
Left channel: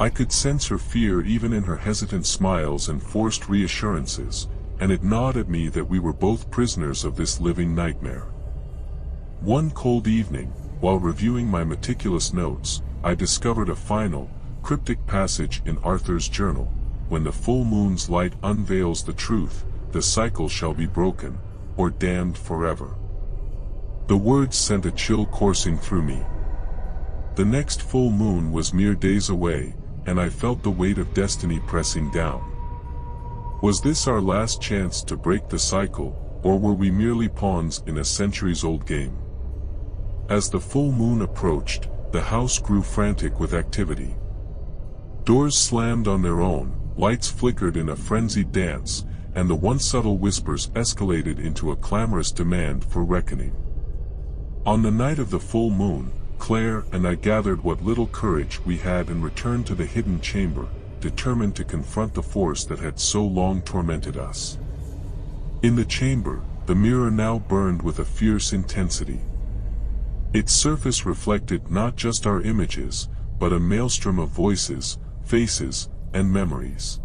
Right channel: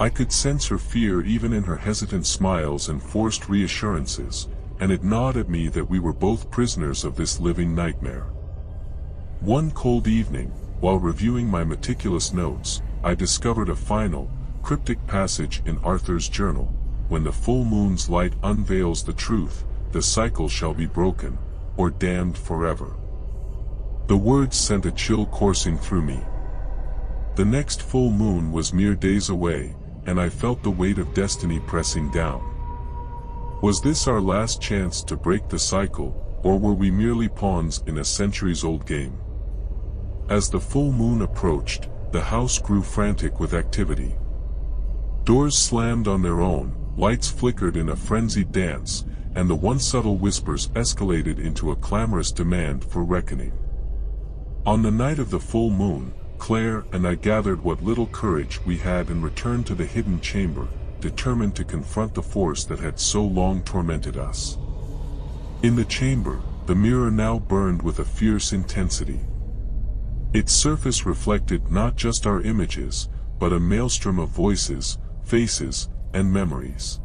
I could sense her fear even in her hesitant smiles and forced reassurances, and it gnawed at me that we were both prisoners of this living nightmare. One cold evening, while reviewing my meticulous notes, I discovered a final, cryptic passage in Arthur's journal: "When the full moon's light unveils the truth, the cycle shall be broken, or damned forever." The words sent a chill coursing through me. The next full moon was mere days away, and I felt the weight of destiny pressing down. Was this our last chance to break the cycle, or were we merely pawns in a centuries-old game? As the full moon approached, the house grew frantic with activity. Doors slammed on their own, lights flickered in a frenzied dance, and the once subtle whispers escalated into a clamorous demand for reckoning. On the night of the full moon, Claire and I gathered what little courage we had and returned to the hidden chamber, determined to confront the force that had so long tormented us. In the chamber, the mirror now burned with a fierce intensity. Its surface reflected not just our images, but a maelstrom of voices, faces, and memories.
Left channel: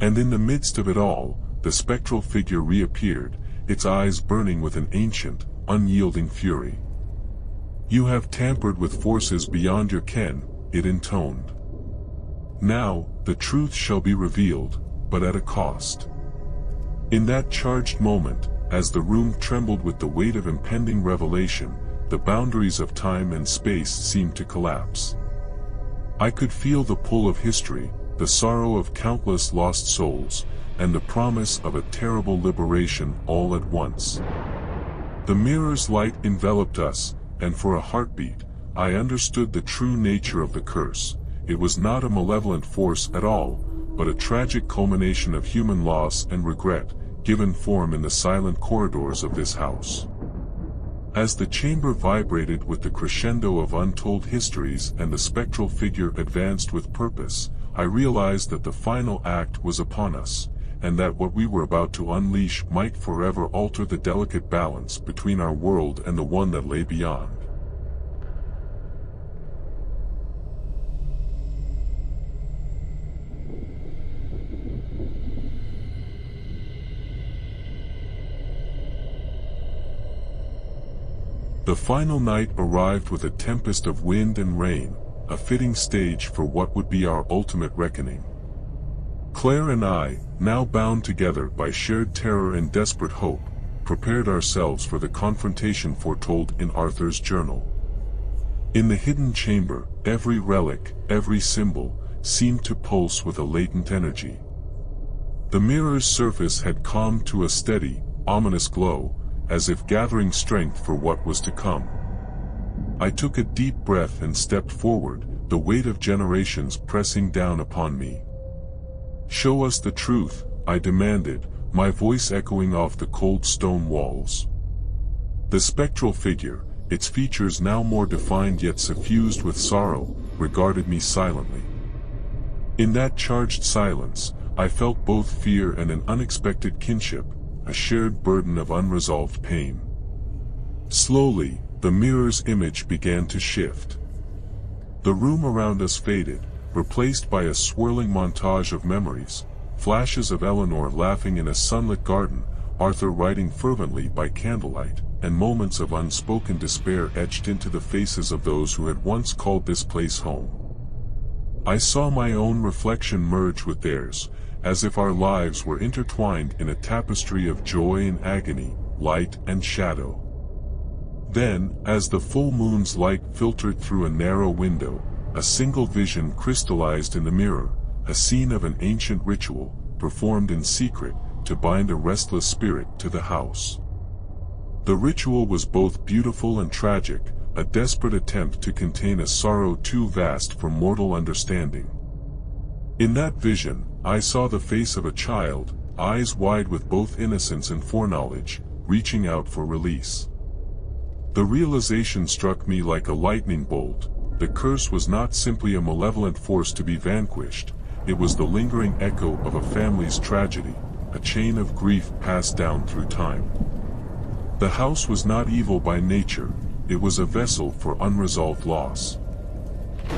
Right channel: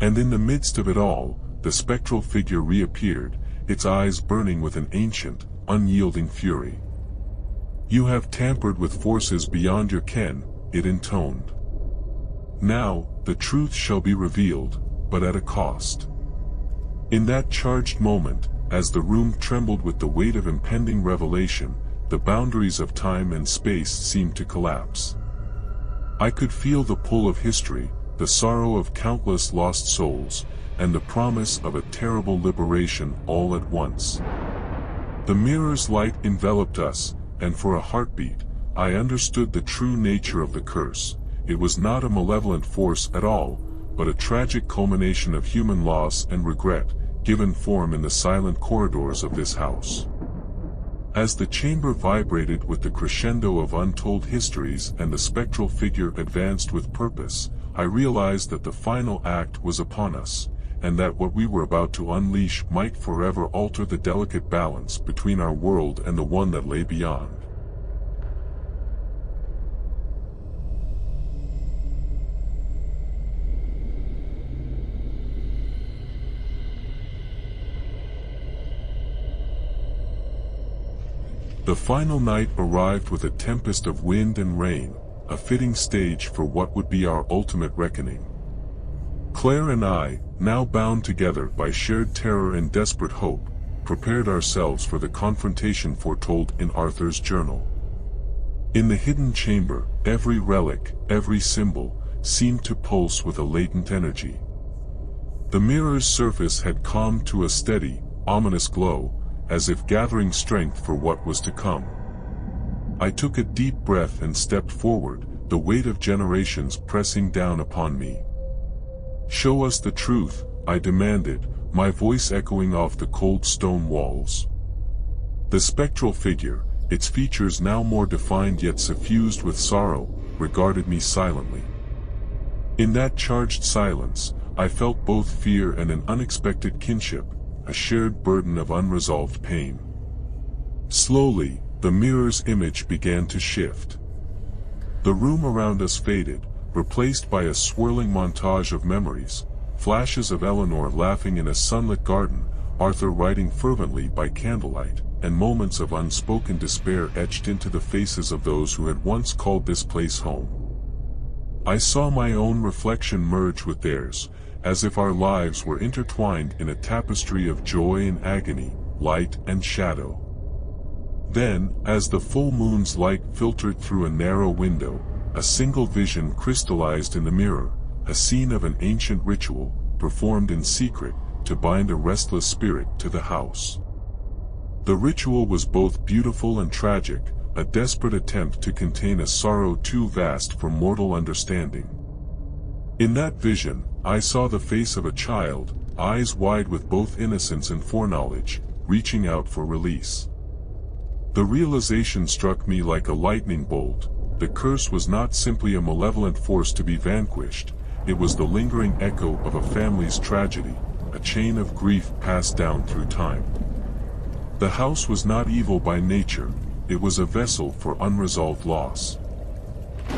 And in the midst of it all, the spectral figure reappeared, its eyes burning with an ancient, unyielding fury. "You have tampered with forces beyond your ken," it intoned. "Now, the truth shall be revealed, but at a cost." In that charged moment, as the room trembled with the weight of impending revelation, the boundaries of time and space seemed to collapse. I could feel the pull of history, the sorrow of countless lost souls, and the promise of a terrible liberation all at once. The mirror's light enveloped us, and for a heartbeat, I understood the true nature of the curse. It was not a malevolent force at all, but a tragic culmination of human loss and regret, given form in the silent corridors of this house. As the chamber vibrated with the crescendo of untold histories and the spectral figure advanced with purpose, I realized that the final act was upon us, and that what we were about to unleash might forever alter the delicate balance between our world and the one that lay beyond. The final night arrived with a tempest of wind and rain, a fitting stage for what would be our ultimate reckoning. Claire and I, now bound together by shared terror and desperate hope, prepared ourselves for the confrontation foretold in Arthur's journal. In the hidden chamber, every relic, every symbol, seemed to pulse with a latent energy. The mirror's surface had calmed to a steady, ominous glow, as if gathering strength for what was to come. I took a deep breath and stepped forward, the weight of generations pressing down upon me. "Show us the truth," I demanded, my voice echoing off the cold stone walls. The spectral figure, its features now more defined yet suffused with sorrow, regarded me silently. In that charged silence, I felt both fear and an unexpected kinship, a shared burden of unresolved pain. Slowly, the mirror's image began to shift. The room around us faded, replaced by a swirling montage of memories, flashes of Eleanor laughing in a sunlit garden, Arthur writing fervently by candlelight, and moments of unspoken despair etched into the faces of those who had once called this place home. I saw my own reflection merge with theirs, as if our lives were intertwined in a tapestry of joy and agony, light and shadow. Then, as the full moon's light filtered through a narrow window, a single vision crystallized in the mirror, a scene of an ancient ritual, performed in secret, to bind a restless spirit to the house. The ritual was both beautiful and tragic, a desperate attempt to contain a sorrow too vast for mortal understanding. In that vision, I saw the face of a child, eyes wide with both innocence and foreknowledge, reaching out for release. The realization struck me like a lightning bolt. The curse was not simply a malevolent force to be vanquished, it was the lingering echo of a family's tragedy, a chain of grief passed down through time. The house was not evil by nature, it was a vessel for unresolved loss.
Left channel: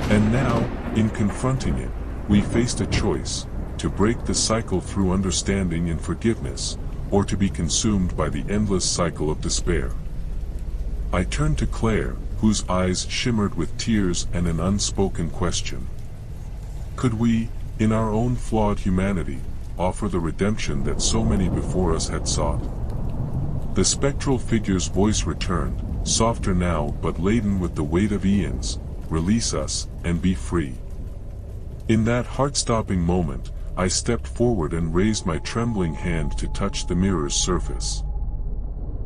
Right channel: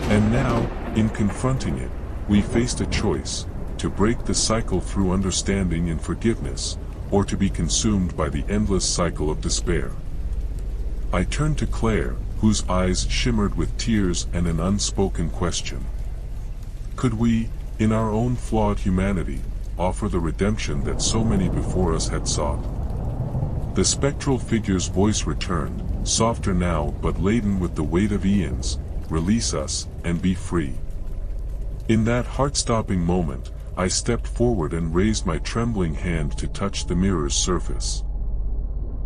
And now, in confronting it, we faced a choice, to break the cycle through understanding and forgiveness, or to be consumed by the endless cycle of despair. I turned to Claire, whose eyes shimmered with tears and an unspoken question. Could we, in our own flawed humanity, offer the redemption that so many before us had sought? The spectral figure's voice returned, softer now but laden with the weight of eons. Release us, and be free. In that heart-stopping moment, I stepped forward and raised my trembling hand to touch the mirror's surface.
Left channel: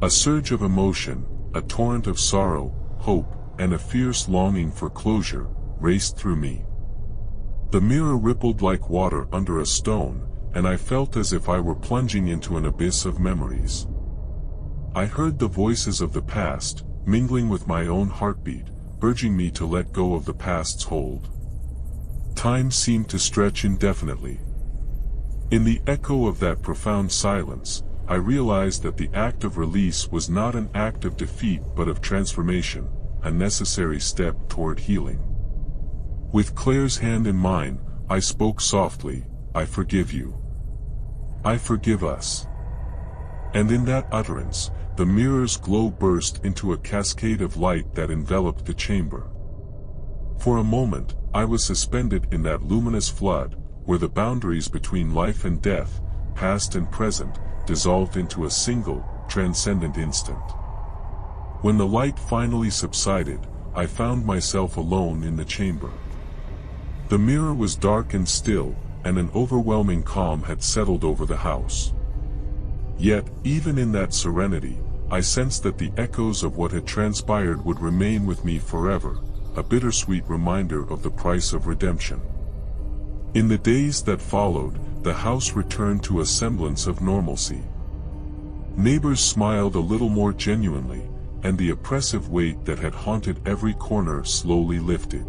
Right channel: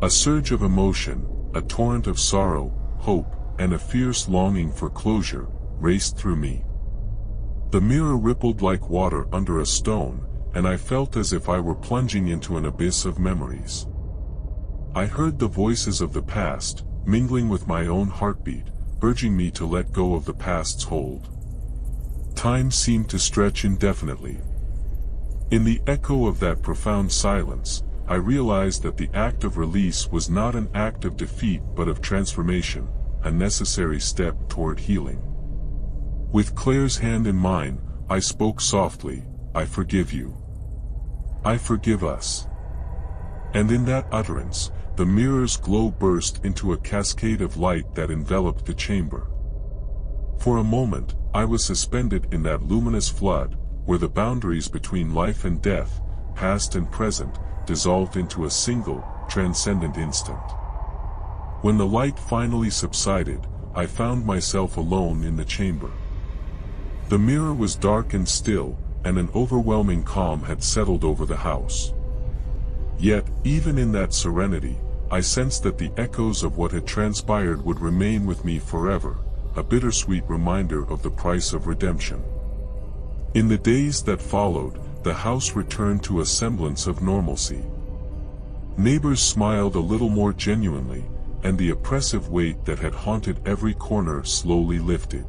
A surge of emotion, a torrent of sorrow, hope, and a fierce longing for closure, raced through me. The mirror rippled like water under a stone, and I felt as if I were plunging into an abyss of memories. I heard the voices of the past, mingling with my own heartbeat, urging me to let go of the past's hold. Time seemed to stretch indefinitely. In the echo of that profound silence, I realized that the act of release was not an act of defeat but of transformation, a necessary step toward healing. With Claire's hand in mine, I spoke softly, "I forgive you. I forgive us." And in that utterance, the mirror's glow burst into a cascade of light that enveloped the chamber. For a moment, I was suspended in that luminous flood, where the boundaries between life and death, past and present, dissolved into a single, transcendent instant. When the light finally subsided, I found myself alone in the chamber. The mirror was dark and still, and an overwhelming calm had settled over the house. Yet, even in that serenity, I sensed that the echoes of what had transpired would remain with me forever, a bittersweet reminder of the price of redemption. In the days that followed, the house returned to a semblance of normalcy. Neighbors smiled a little more genuinely, and the oppressive weight that had haunted every corner slowly lifted.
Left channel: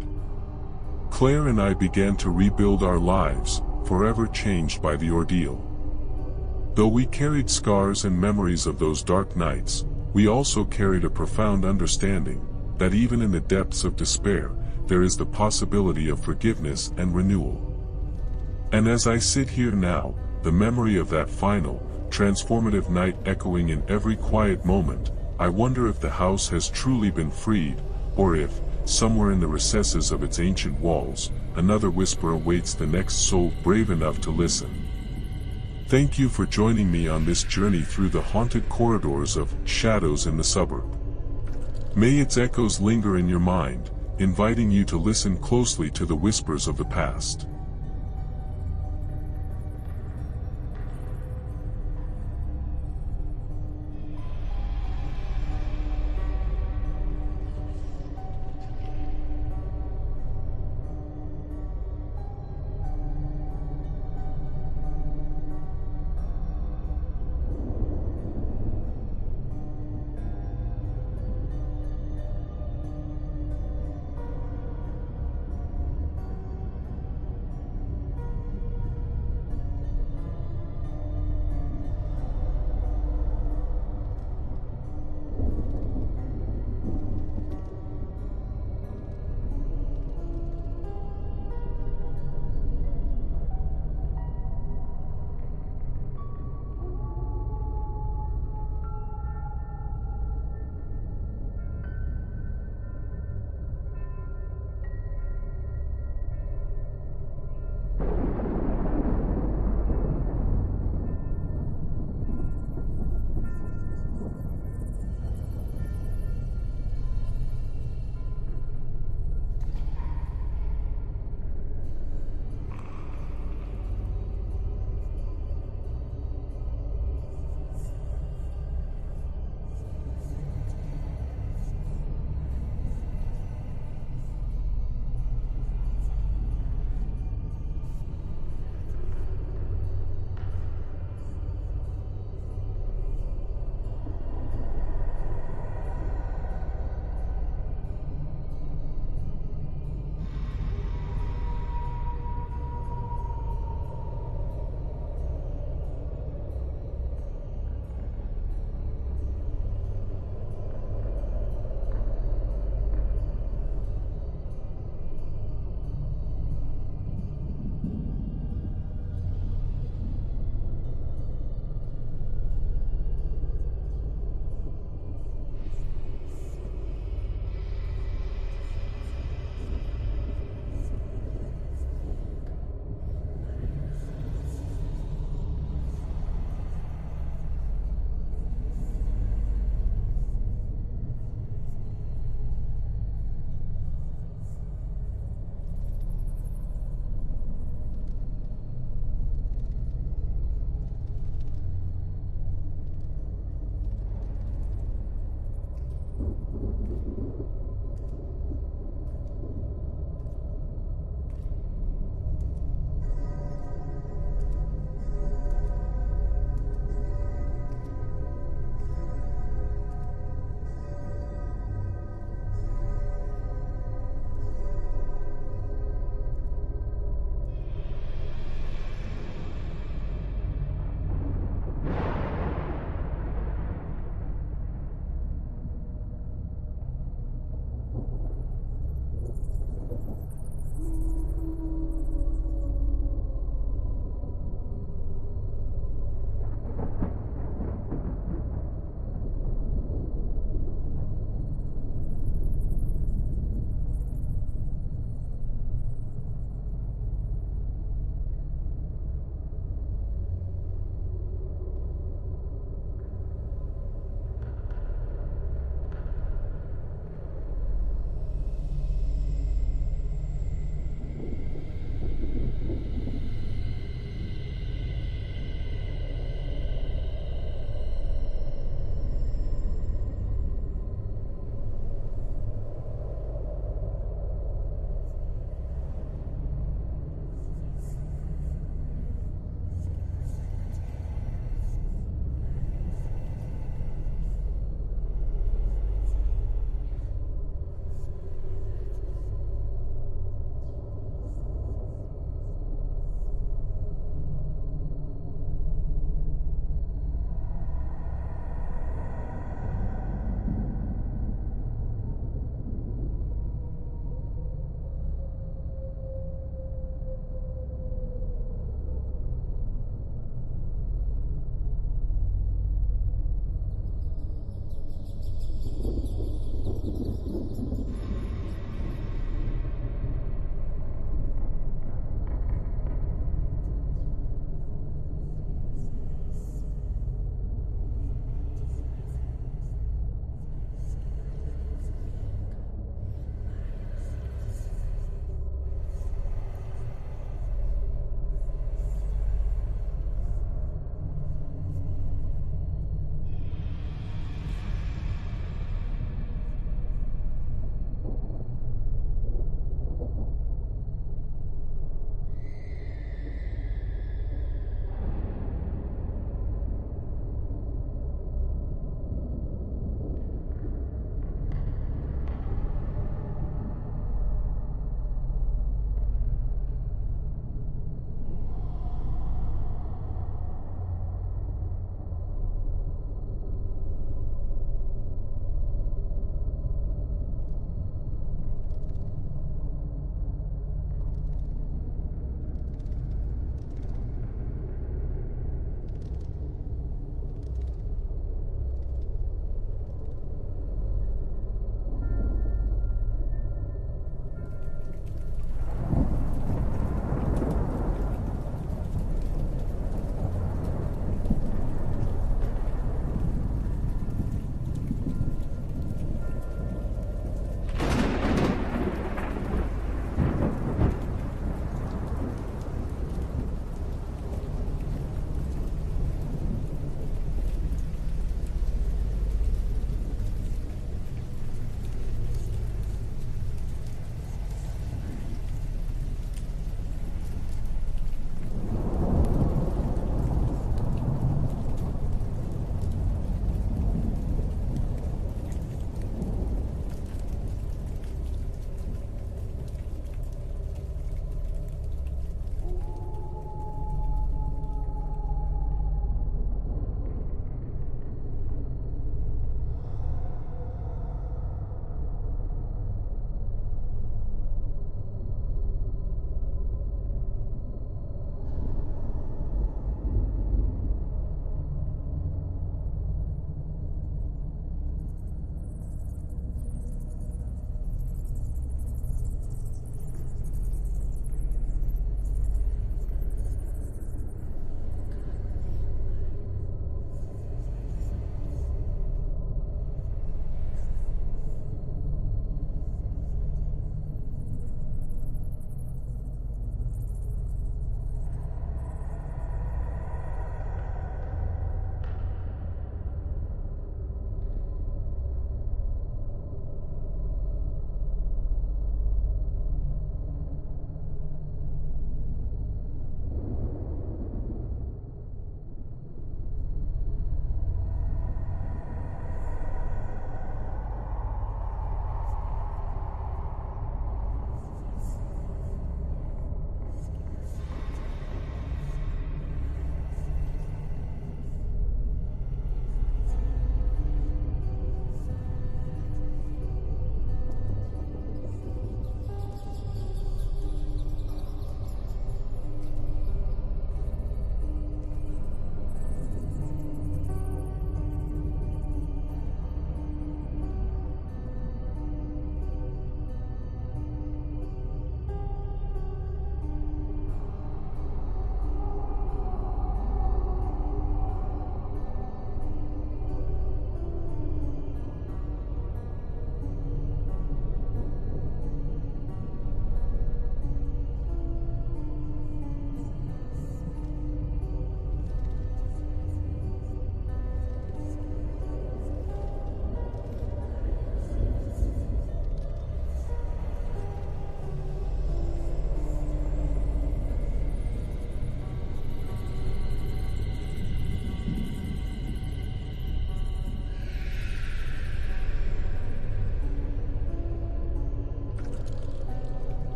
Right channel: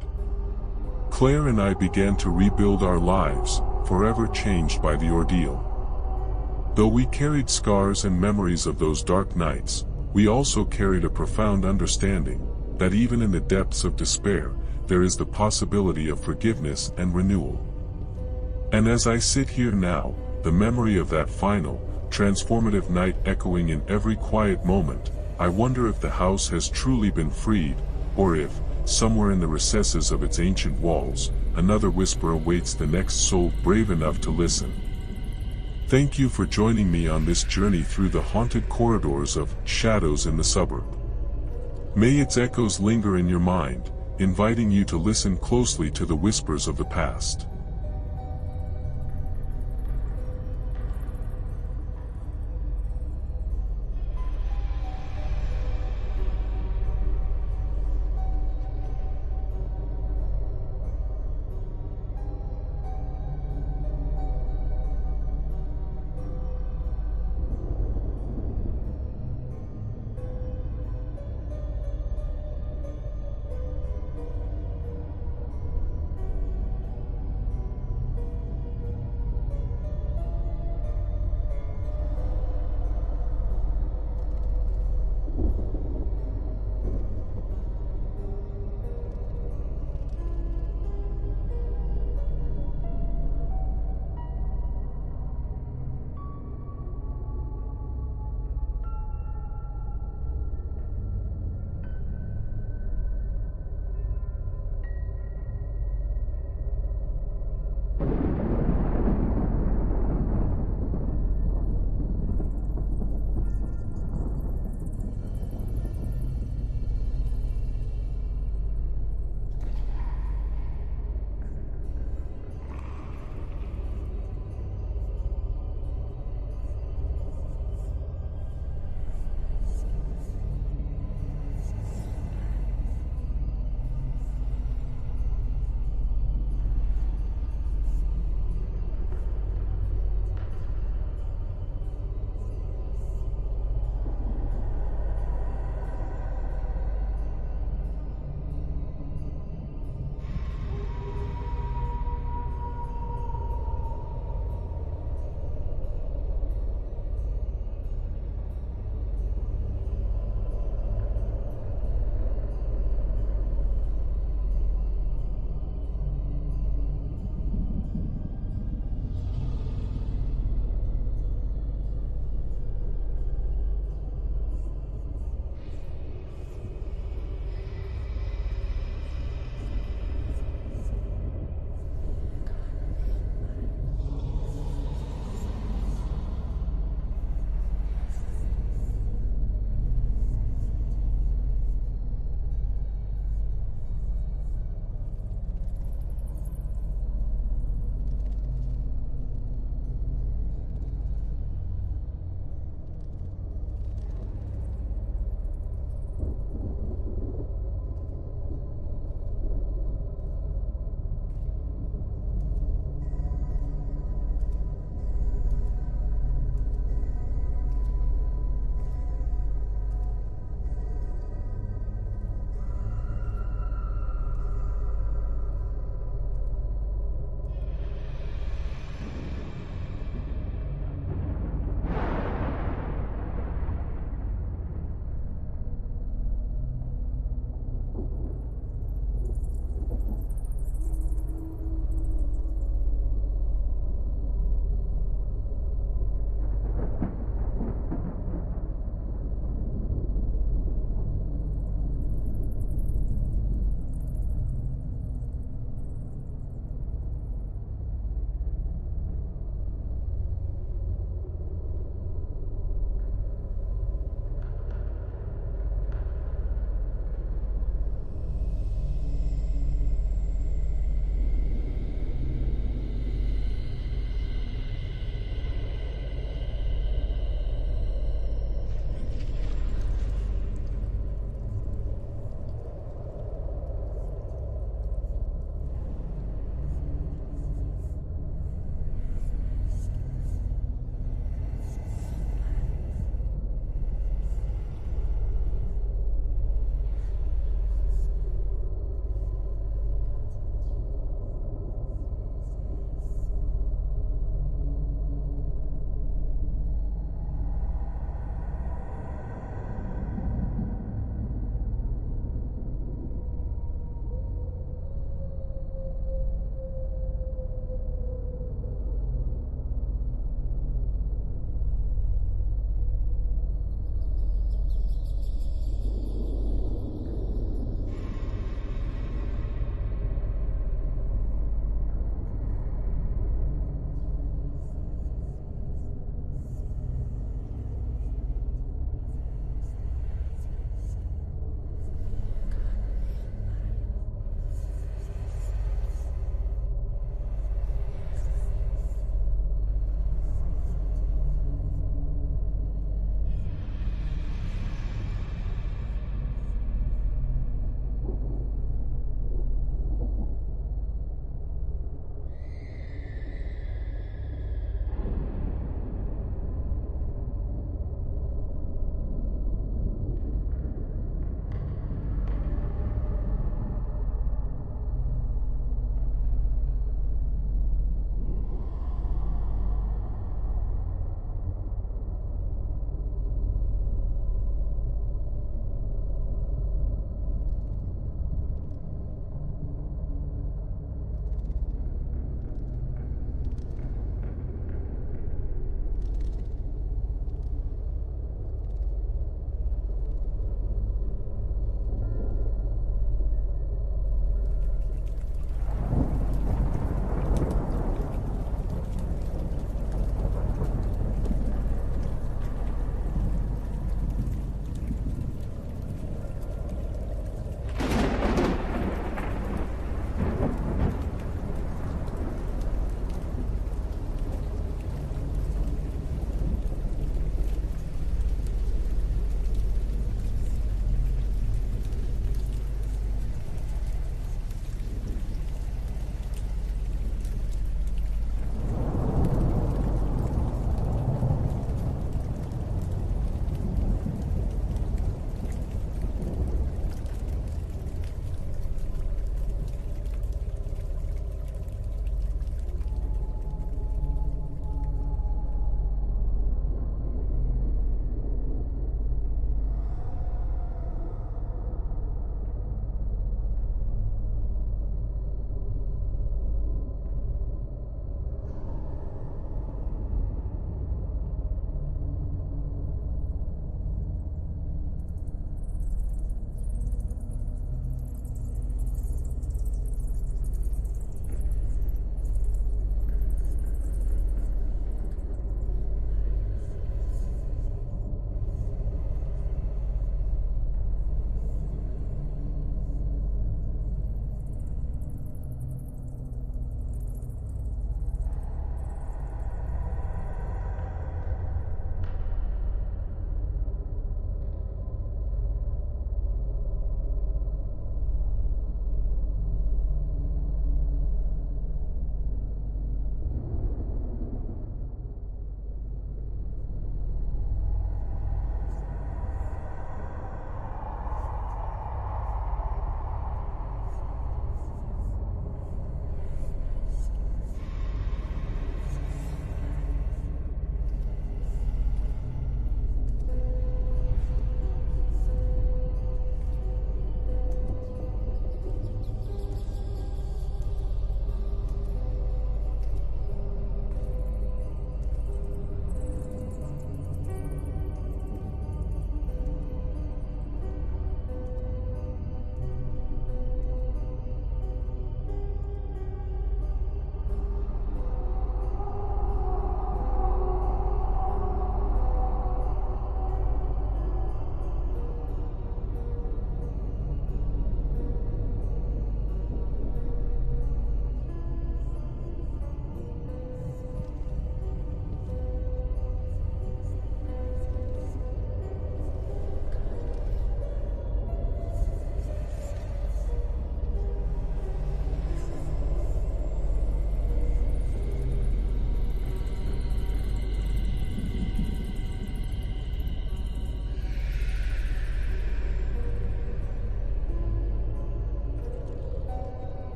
Claire and I began to rebuild our lives, forever changed by the ordeal. Though we carried scars and memories of those dark nights, we also carried a profound understanding, that even in the depths of despair, there is the possibility of forgiveness and renewal. And as I sit here now, the memory of that final, transformative night echoing in every quiet moment, I wonder if the house has truly been freed, or if, somewhere in the recesses of its ancient walls, another whisper awaits the next soul brave enough to listen. Thank you for joining me on this journey through the haunted corridors of Shadows in the Suburb. May its echoes linger in your mind, inviting you to listen closely to the whispers of the past.